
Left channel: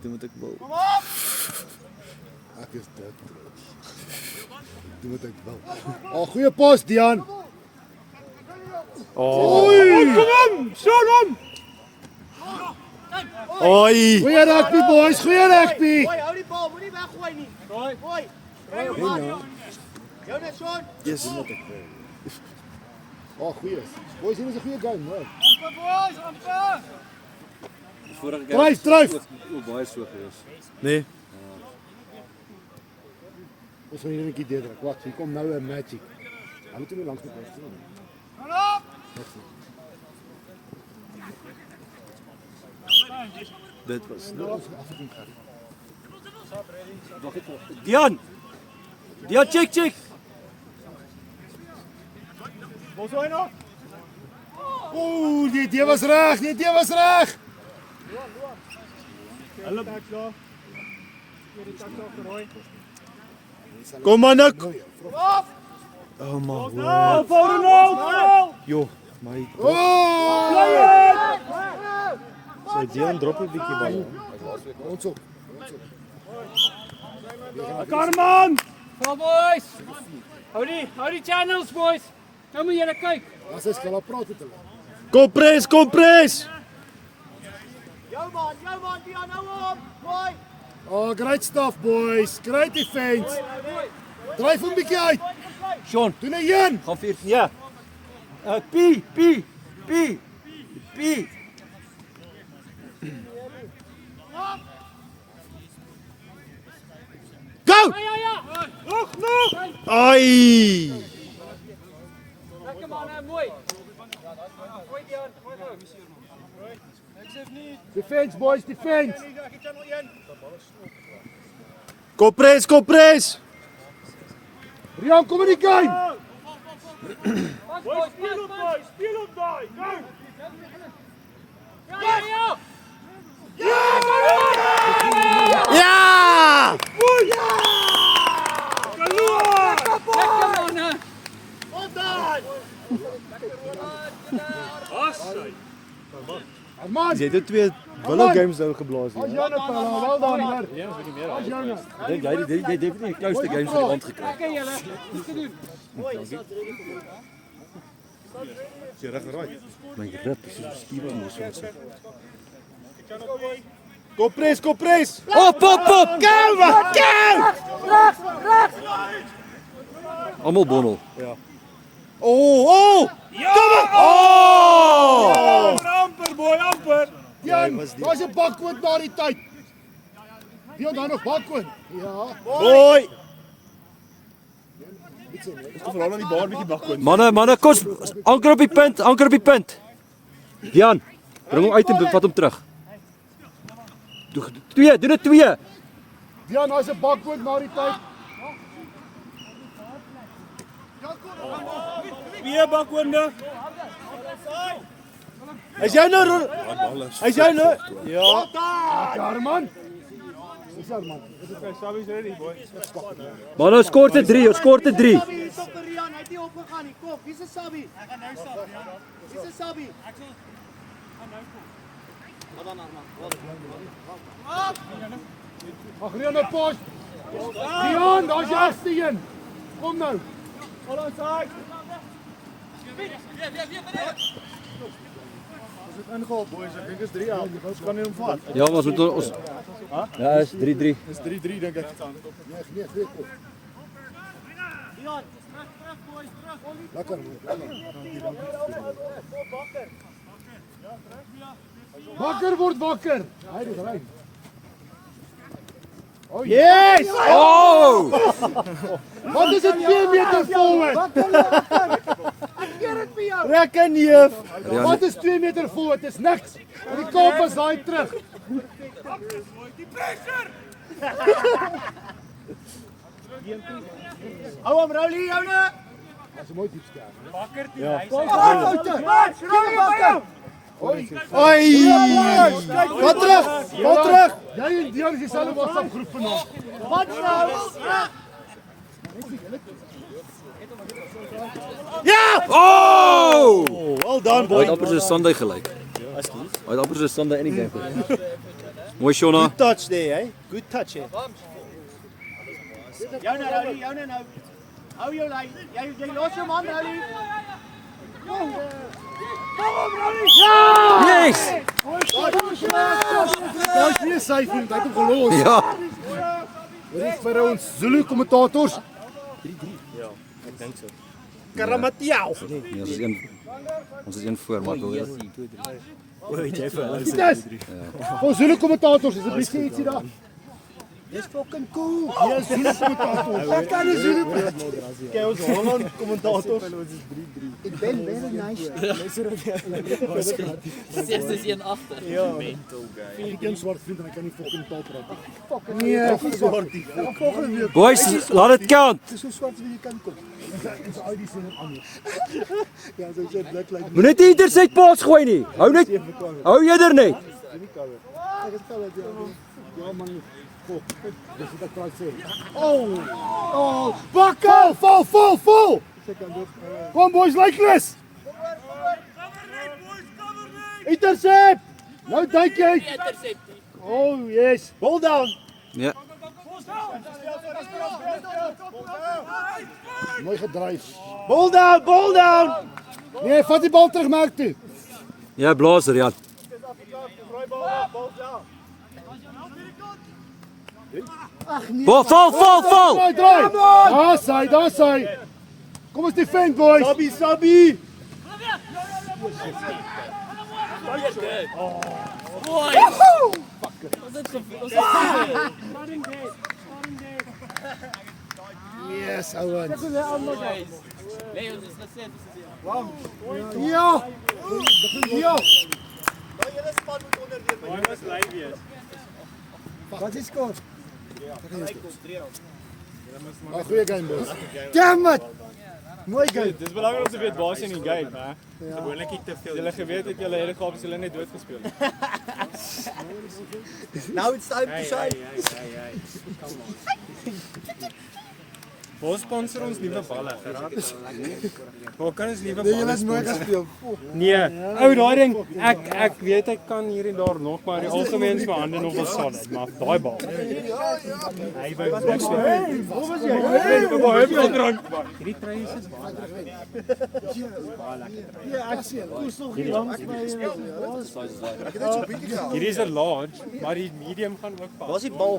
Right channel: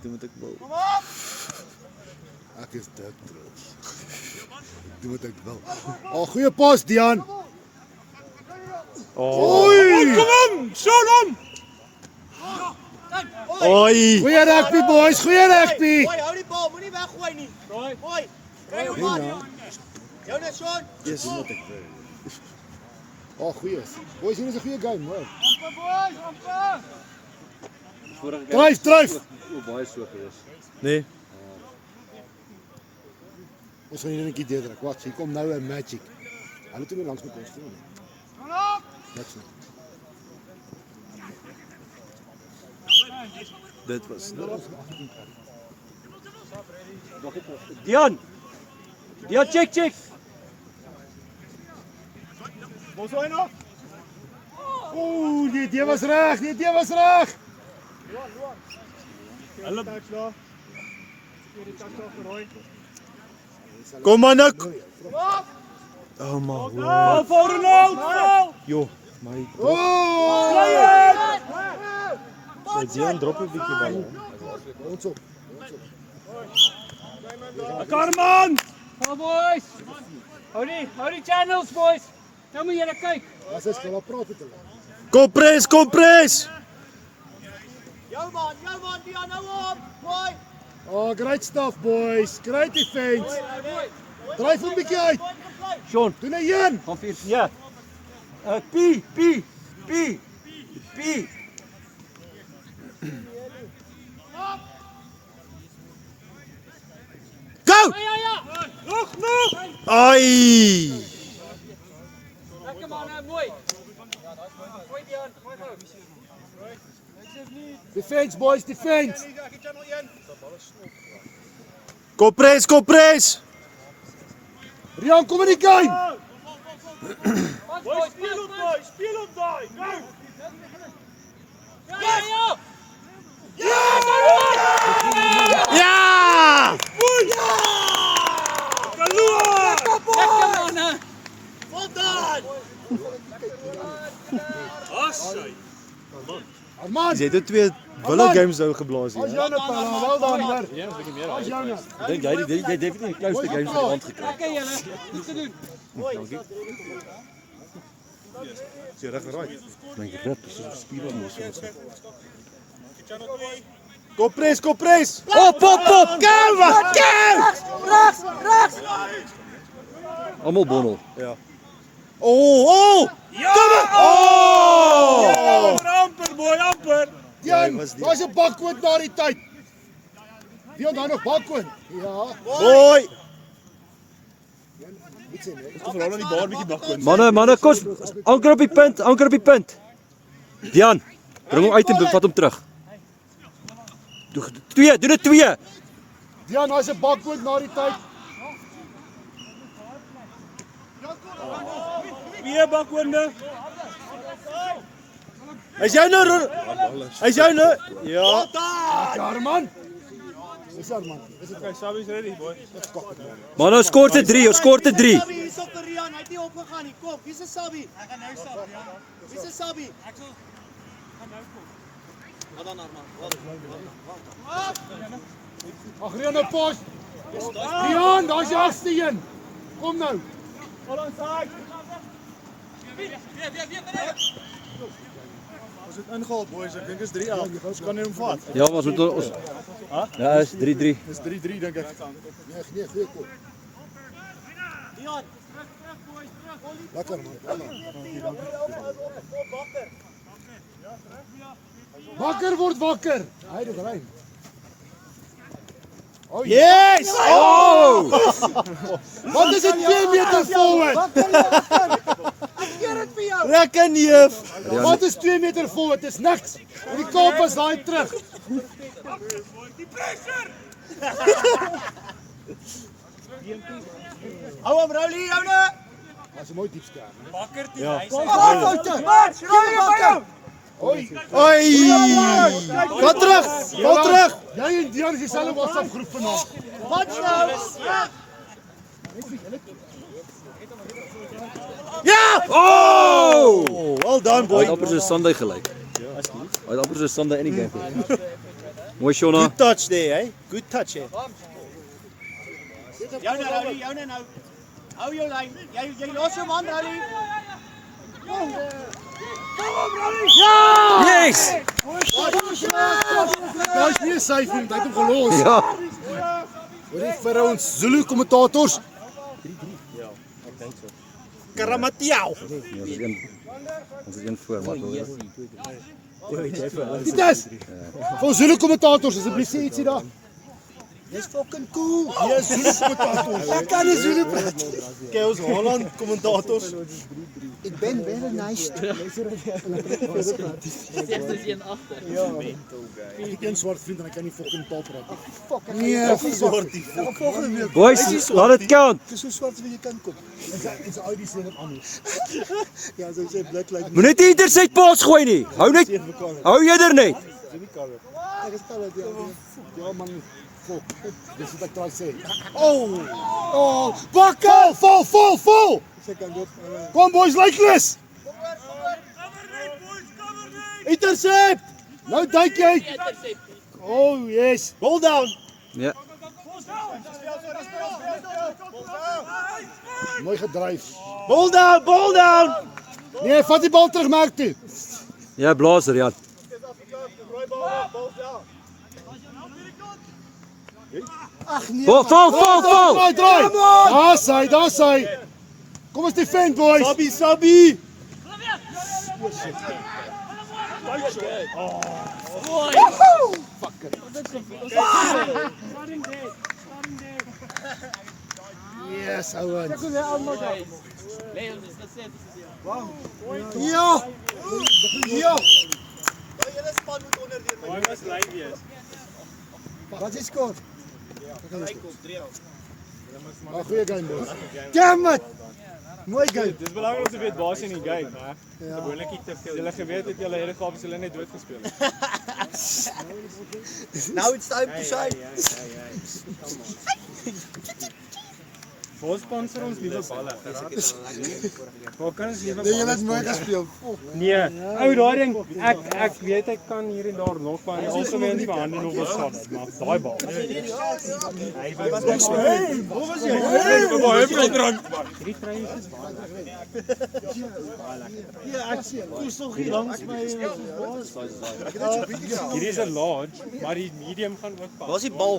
Dit moet ek wou. Ek is dik trots. Dit moet ek wel. Oh, goeie pas, Dion. Oei! Oi! Goeie rugby, boys, goeie rugby. Hou die bal, moenie weggooi nie. Gooi. Joune, son. Dis wat ek wil. Oh, goeie. Boys, hier is 'n goeie game, hoor. Dryf. Baie so gewees. Nee. Ons gaan hier 'n bietjie deurdruk. Wat, hier kom nou 'n magic. Hulle toe langs met ons toe. Dit was. Dion, check. Oeh, die idee was reg. Kom man ek. Oh my word. Jo, my. Sy Dion drop 'n bietjie bal. Ons op. Karman! Kom boys. Hou die channels boys. Nou moet julle kyk. As ons gaan praat met hulle. Kompres. Jou man, Dion, hou op. Gooi. Oh, great stuff, boys. Great defense. Dryf hom bietjie uit. Sean, Doen 'n een. gaan 4. Ja. P. Go! Nog. Ai! Lekker man, mooi. Gooi Dion, gooi nou. Defense, boys, defense. Kompres. Rian, kom in die game. Boys, speel op daai. Ja! Lekker man, hè. Man, Jy het 2 Willow games nou geblaas hier. Joune Pella, wel done, hoor. Ja, Joune. Dink jy jy definitief die close games vir die aand gekry. Lekker julle. Iets te doen. Jy reg raai. My grip is so spierbaar mos so. Kompres. Op. Go! Almal bondel. Oh! Kom op! Oh! Amper. Dion, daar's 'n bakwoord na die tyd. Dion, daar nog bakwoord. Ja. Mooi! Kom veral aan die bar bietjie bakkoon. Manne, kos anker op die punt. Dian, bring hom uit en vat hom terug. Doen dit 2. Dion, daar's 'n bakwoord na die tyd. Weer bakkoonde. Is jy nou? Ja. Lekker man. Dis al man. Is dit Okay, Sabi's ready, boy. Maar nou skoor te 3, ons skoor te 3. Sabi hier op vir Rian, hy het nie opgegaan nie. Kom, wie's 'n Sabi? Ek gaan nou stap, Rian. Wie's 'n Sabi? Ek gaan nou kom. Ag Rian, 'n pas. Rian, daar's die eerste een. Kom nou. Hold on side. As dit ingehaal boys, ek dink is 3-11. Ons kan nie hom vat. Ja, maar ons moet ons ja, is 3-3. Dis 3-3 dink ek. Nee, goeie kop. Rian, terug boys, terug. Lekker. Wakker word wakker. Hy dit ry. Oh yes! Oh! Wat is dit 2 meter forward? Rekken neef. Wat is 2 meter forward? Dis niks. En die kop is daai terug. Hou hom Rowley, joune. Dis 'n mooi diep ster. Oi! Ga terug. Jy en Dion is dieselfde WhatsApp groep vanaand. Wat nou? Oh! Well done Hy boy. het amper so Sunday gelyk. Hy het amper so Sunday in die game gelyk. Mooi Shona. Good touch there, hey. Good touch here. Joune Rowley, joune nou. Hou jou lyn. Jy los hom aan Rowley. Yes! Daar's nie 'n syfer, dat hom gelos. Ja. Dit vir ons Zulu kommentators. Karamatiao. Ja, ons is een voor, maar wel. Dit is. Vir Zulu kommentators asseblief sê ietsie daar. Dis fucking cool. Ja, Zulu kommentators. Ek kan nie Zulu praat. Kyk ons Holland kommentators. Ek ben very nice. Ek ken swart vriend en ek kan nie fucking taal praat nie. Nee, swart. Volgende week. Boys, laat dit count. Dis so swart wie jy kan kom. Ons ID sê net anders. Ja, so sê black like. Moet net nie intersect paas gooi nie. Hou net. Hou jy er net. Ek is kalm dit. Ja man. Dis wat ek sê. Oh, bakker, vol. Kom boys, likelis. Intercept. Nou duik jy. Oh yes. Ball down. Ja. Mooi gedryf. Ball down. Nee, vat die bal terug merk toe. Ja, blazer, ja. Vol. Draai. Daar's hy. Kom ons defend boys. Sabi. Yes, ouens. Ja. Wat is skoor? Maar goeie game boys. Damn it. Mooi game. Dis belangrik om te weet waar is in die game, hè? Gewoonlik ek te veel. Julle geweet het julle hele gawe hulle net dood gespeel. Now it's time to shine. Ons sponsor ons nuwe balle, geraak. Waar kan ons nuwe Julle het mooi gespeel. Nee, ou daai ding, ek weet ek kan hier en daar nog maar die algemeen se hande nog wel solid, maar daai bal. Hy by niks meer. Hoe was jy? Baie veel drank. Drie treine is baie lekker. Ja, ek sien. Dis nog hier langs my. Ek het net so 'n bietjie gehaal. Hierdie is 'n large, maar die medium gaan ook pas. Waar is die bal?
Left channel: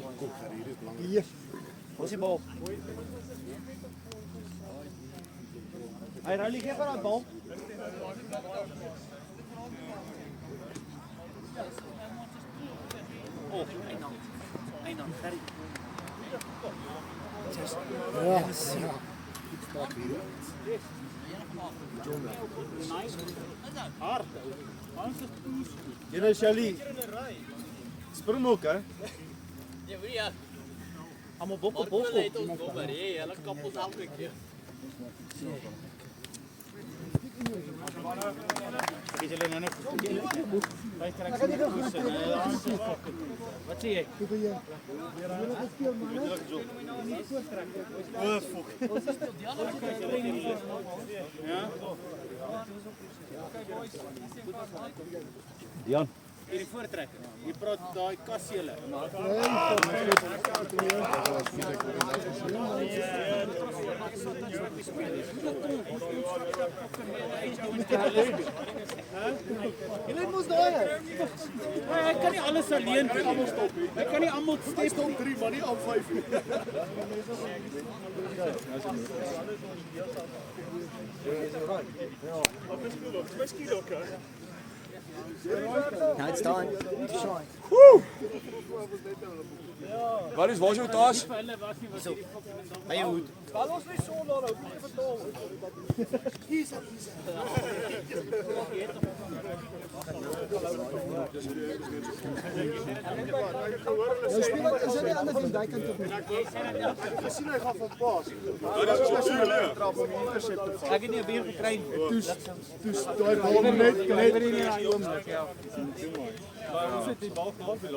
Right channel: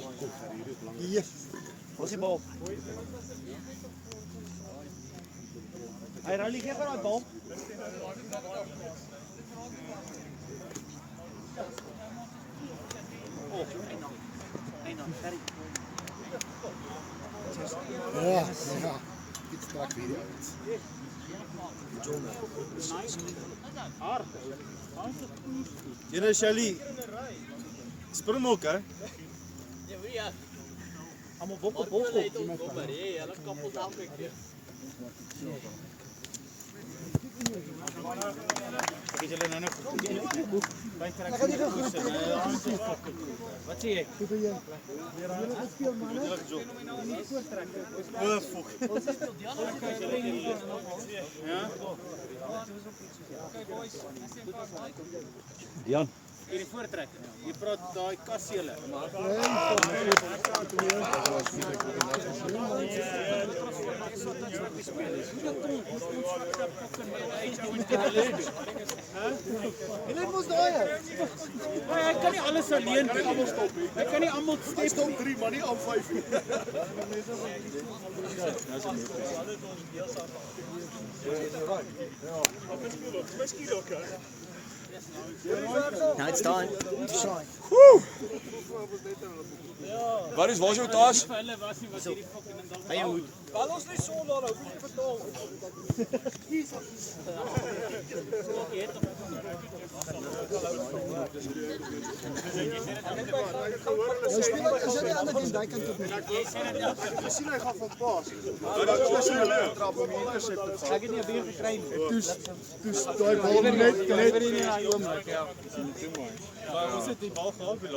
Hier. Waar is die bal? Hy Rowley gee vir daai bal. Ja. Ek trek hier. Jy nou Shelly. Springbok hè? Almal bok op. Wat sê jy? Jan, Die voortrek. Jy praat daai kasseele. Jy moet daar. Ek kan nie alles alleen doen. Almal stop. Ek kan nie almal Stop 3 maar nie op 5 nie. Now it's time. Waar is jou tas? By jou hoed. Jy speel as jy die ander van daai kant op. Jy sien hy gaan van pas. Dit is 'n trap om intercept te vat. Ek het nie 'n beer gekry nie. Toe daai bal net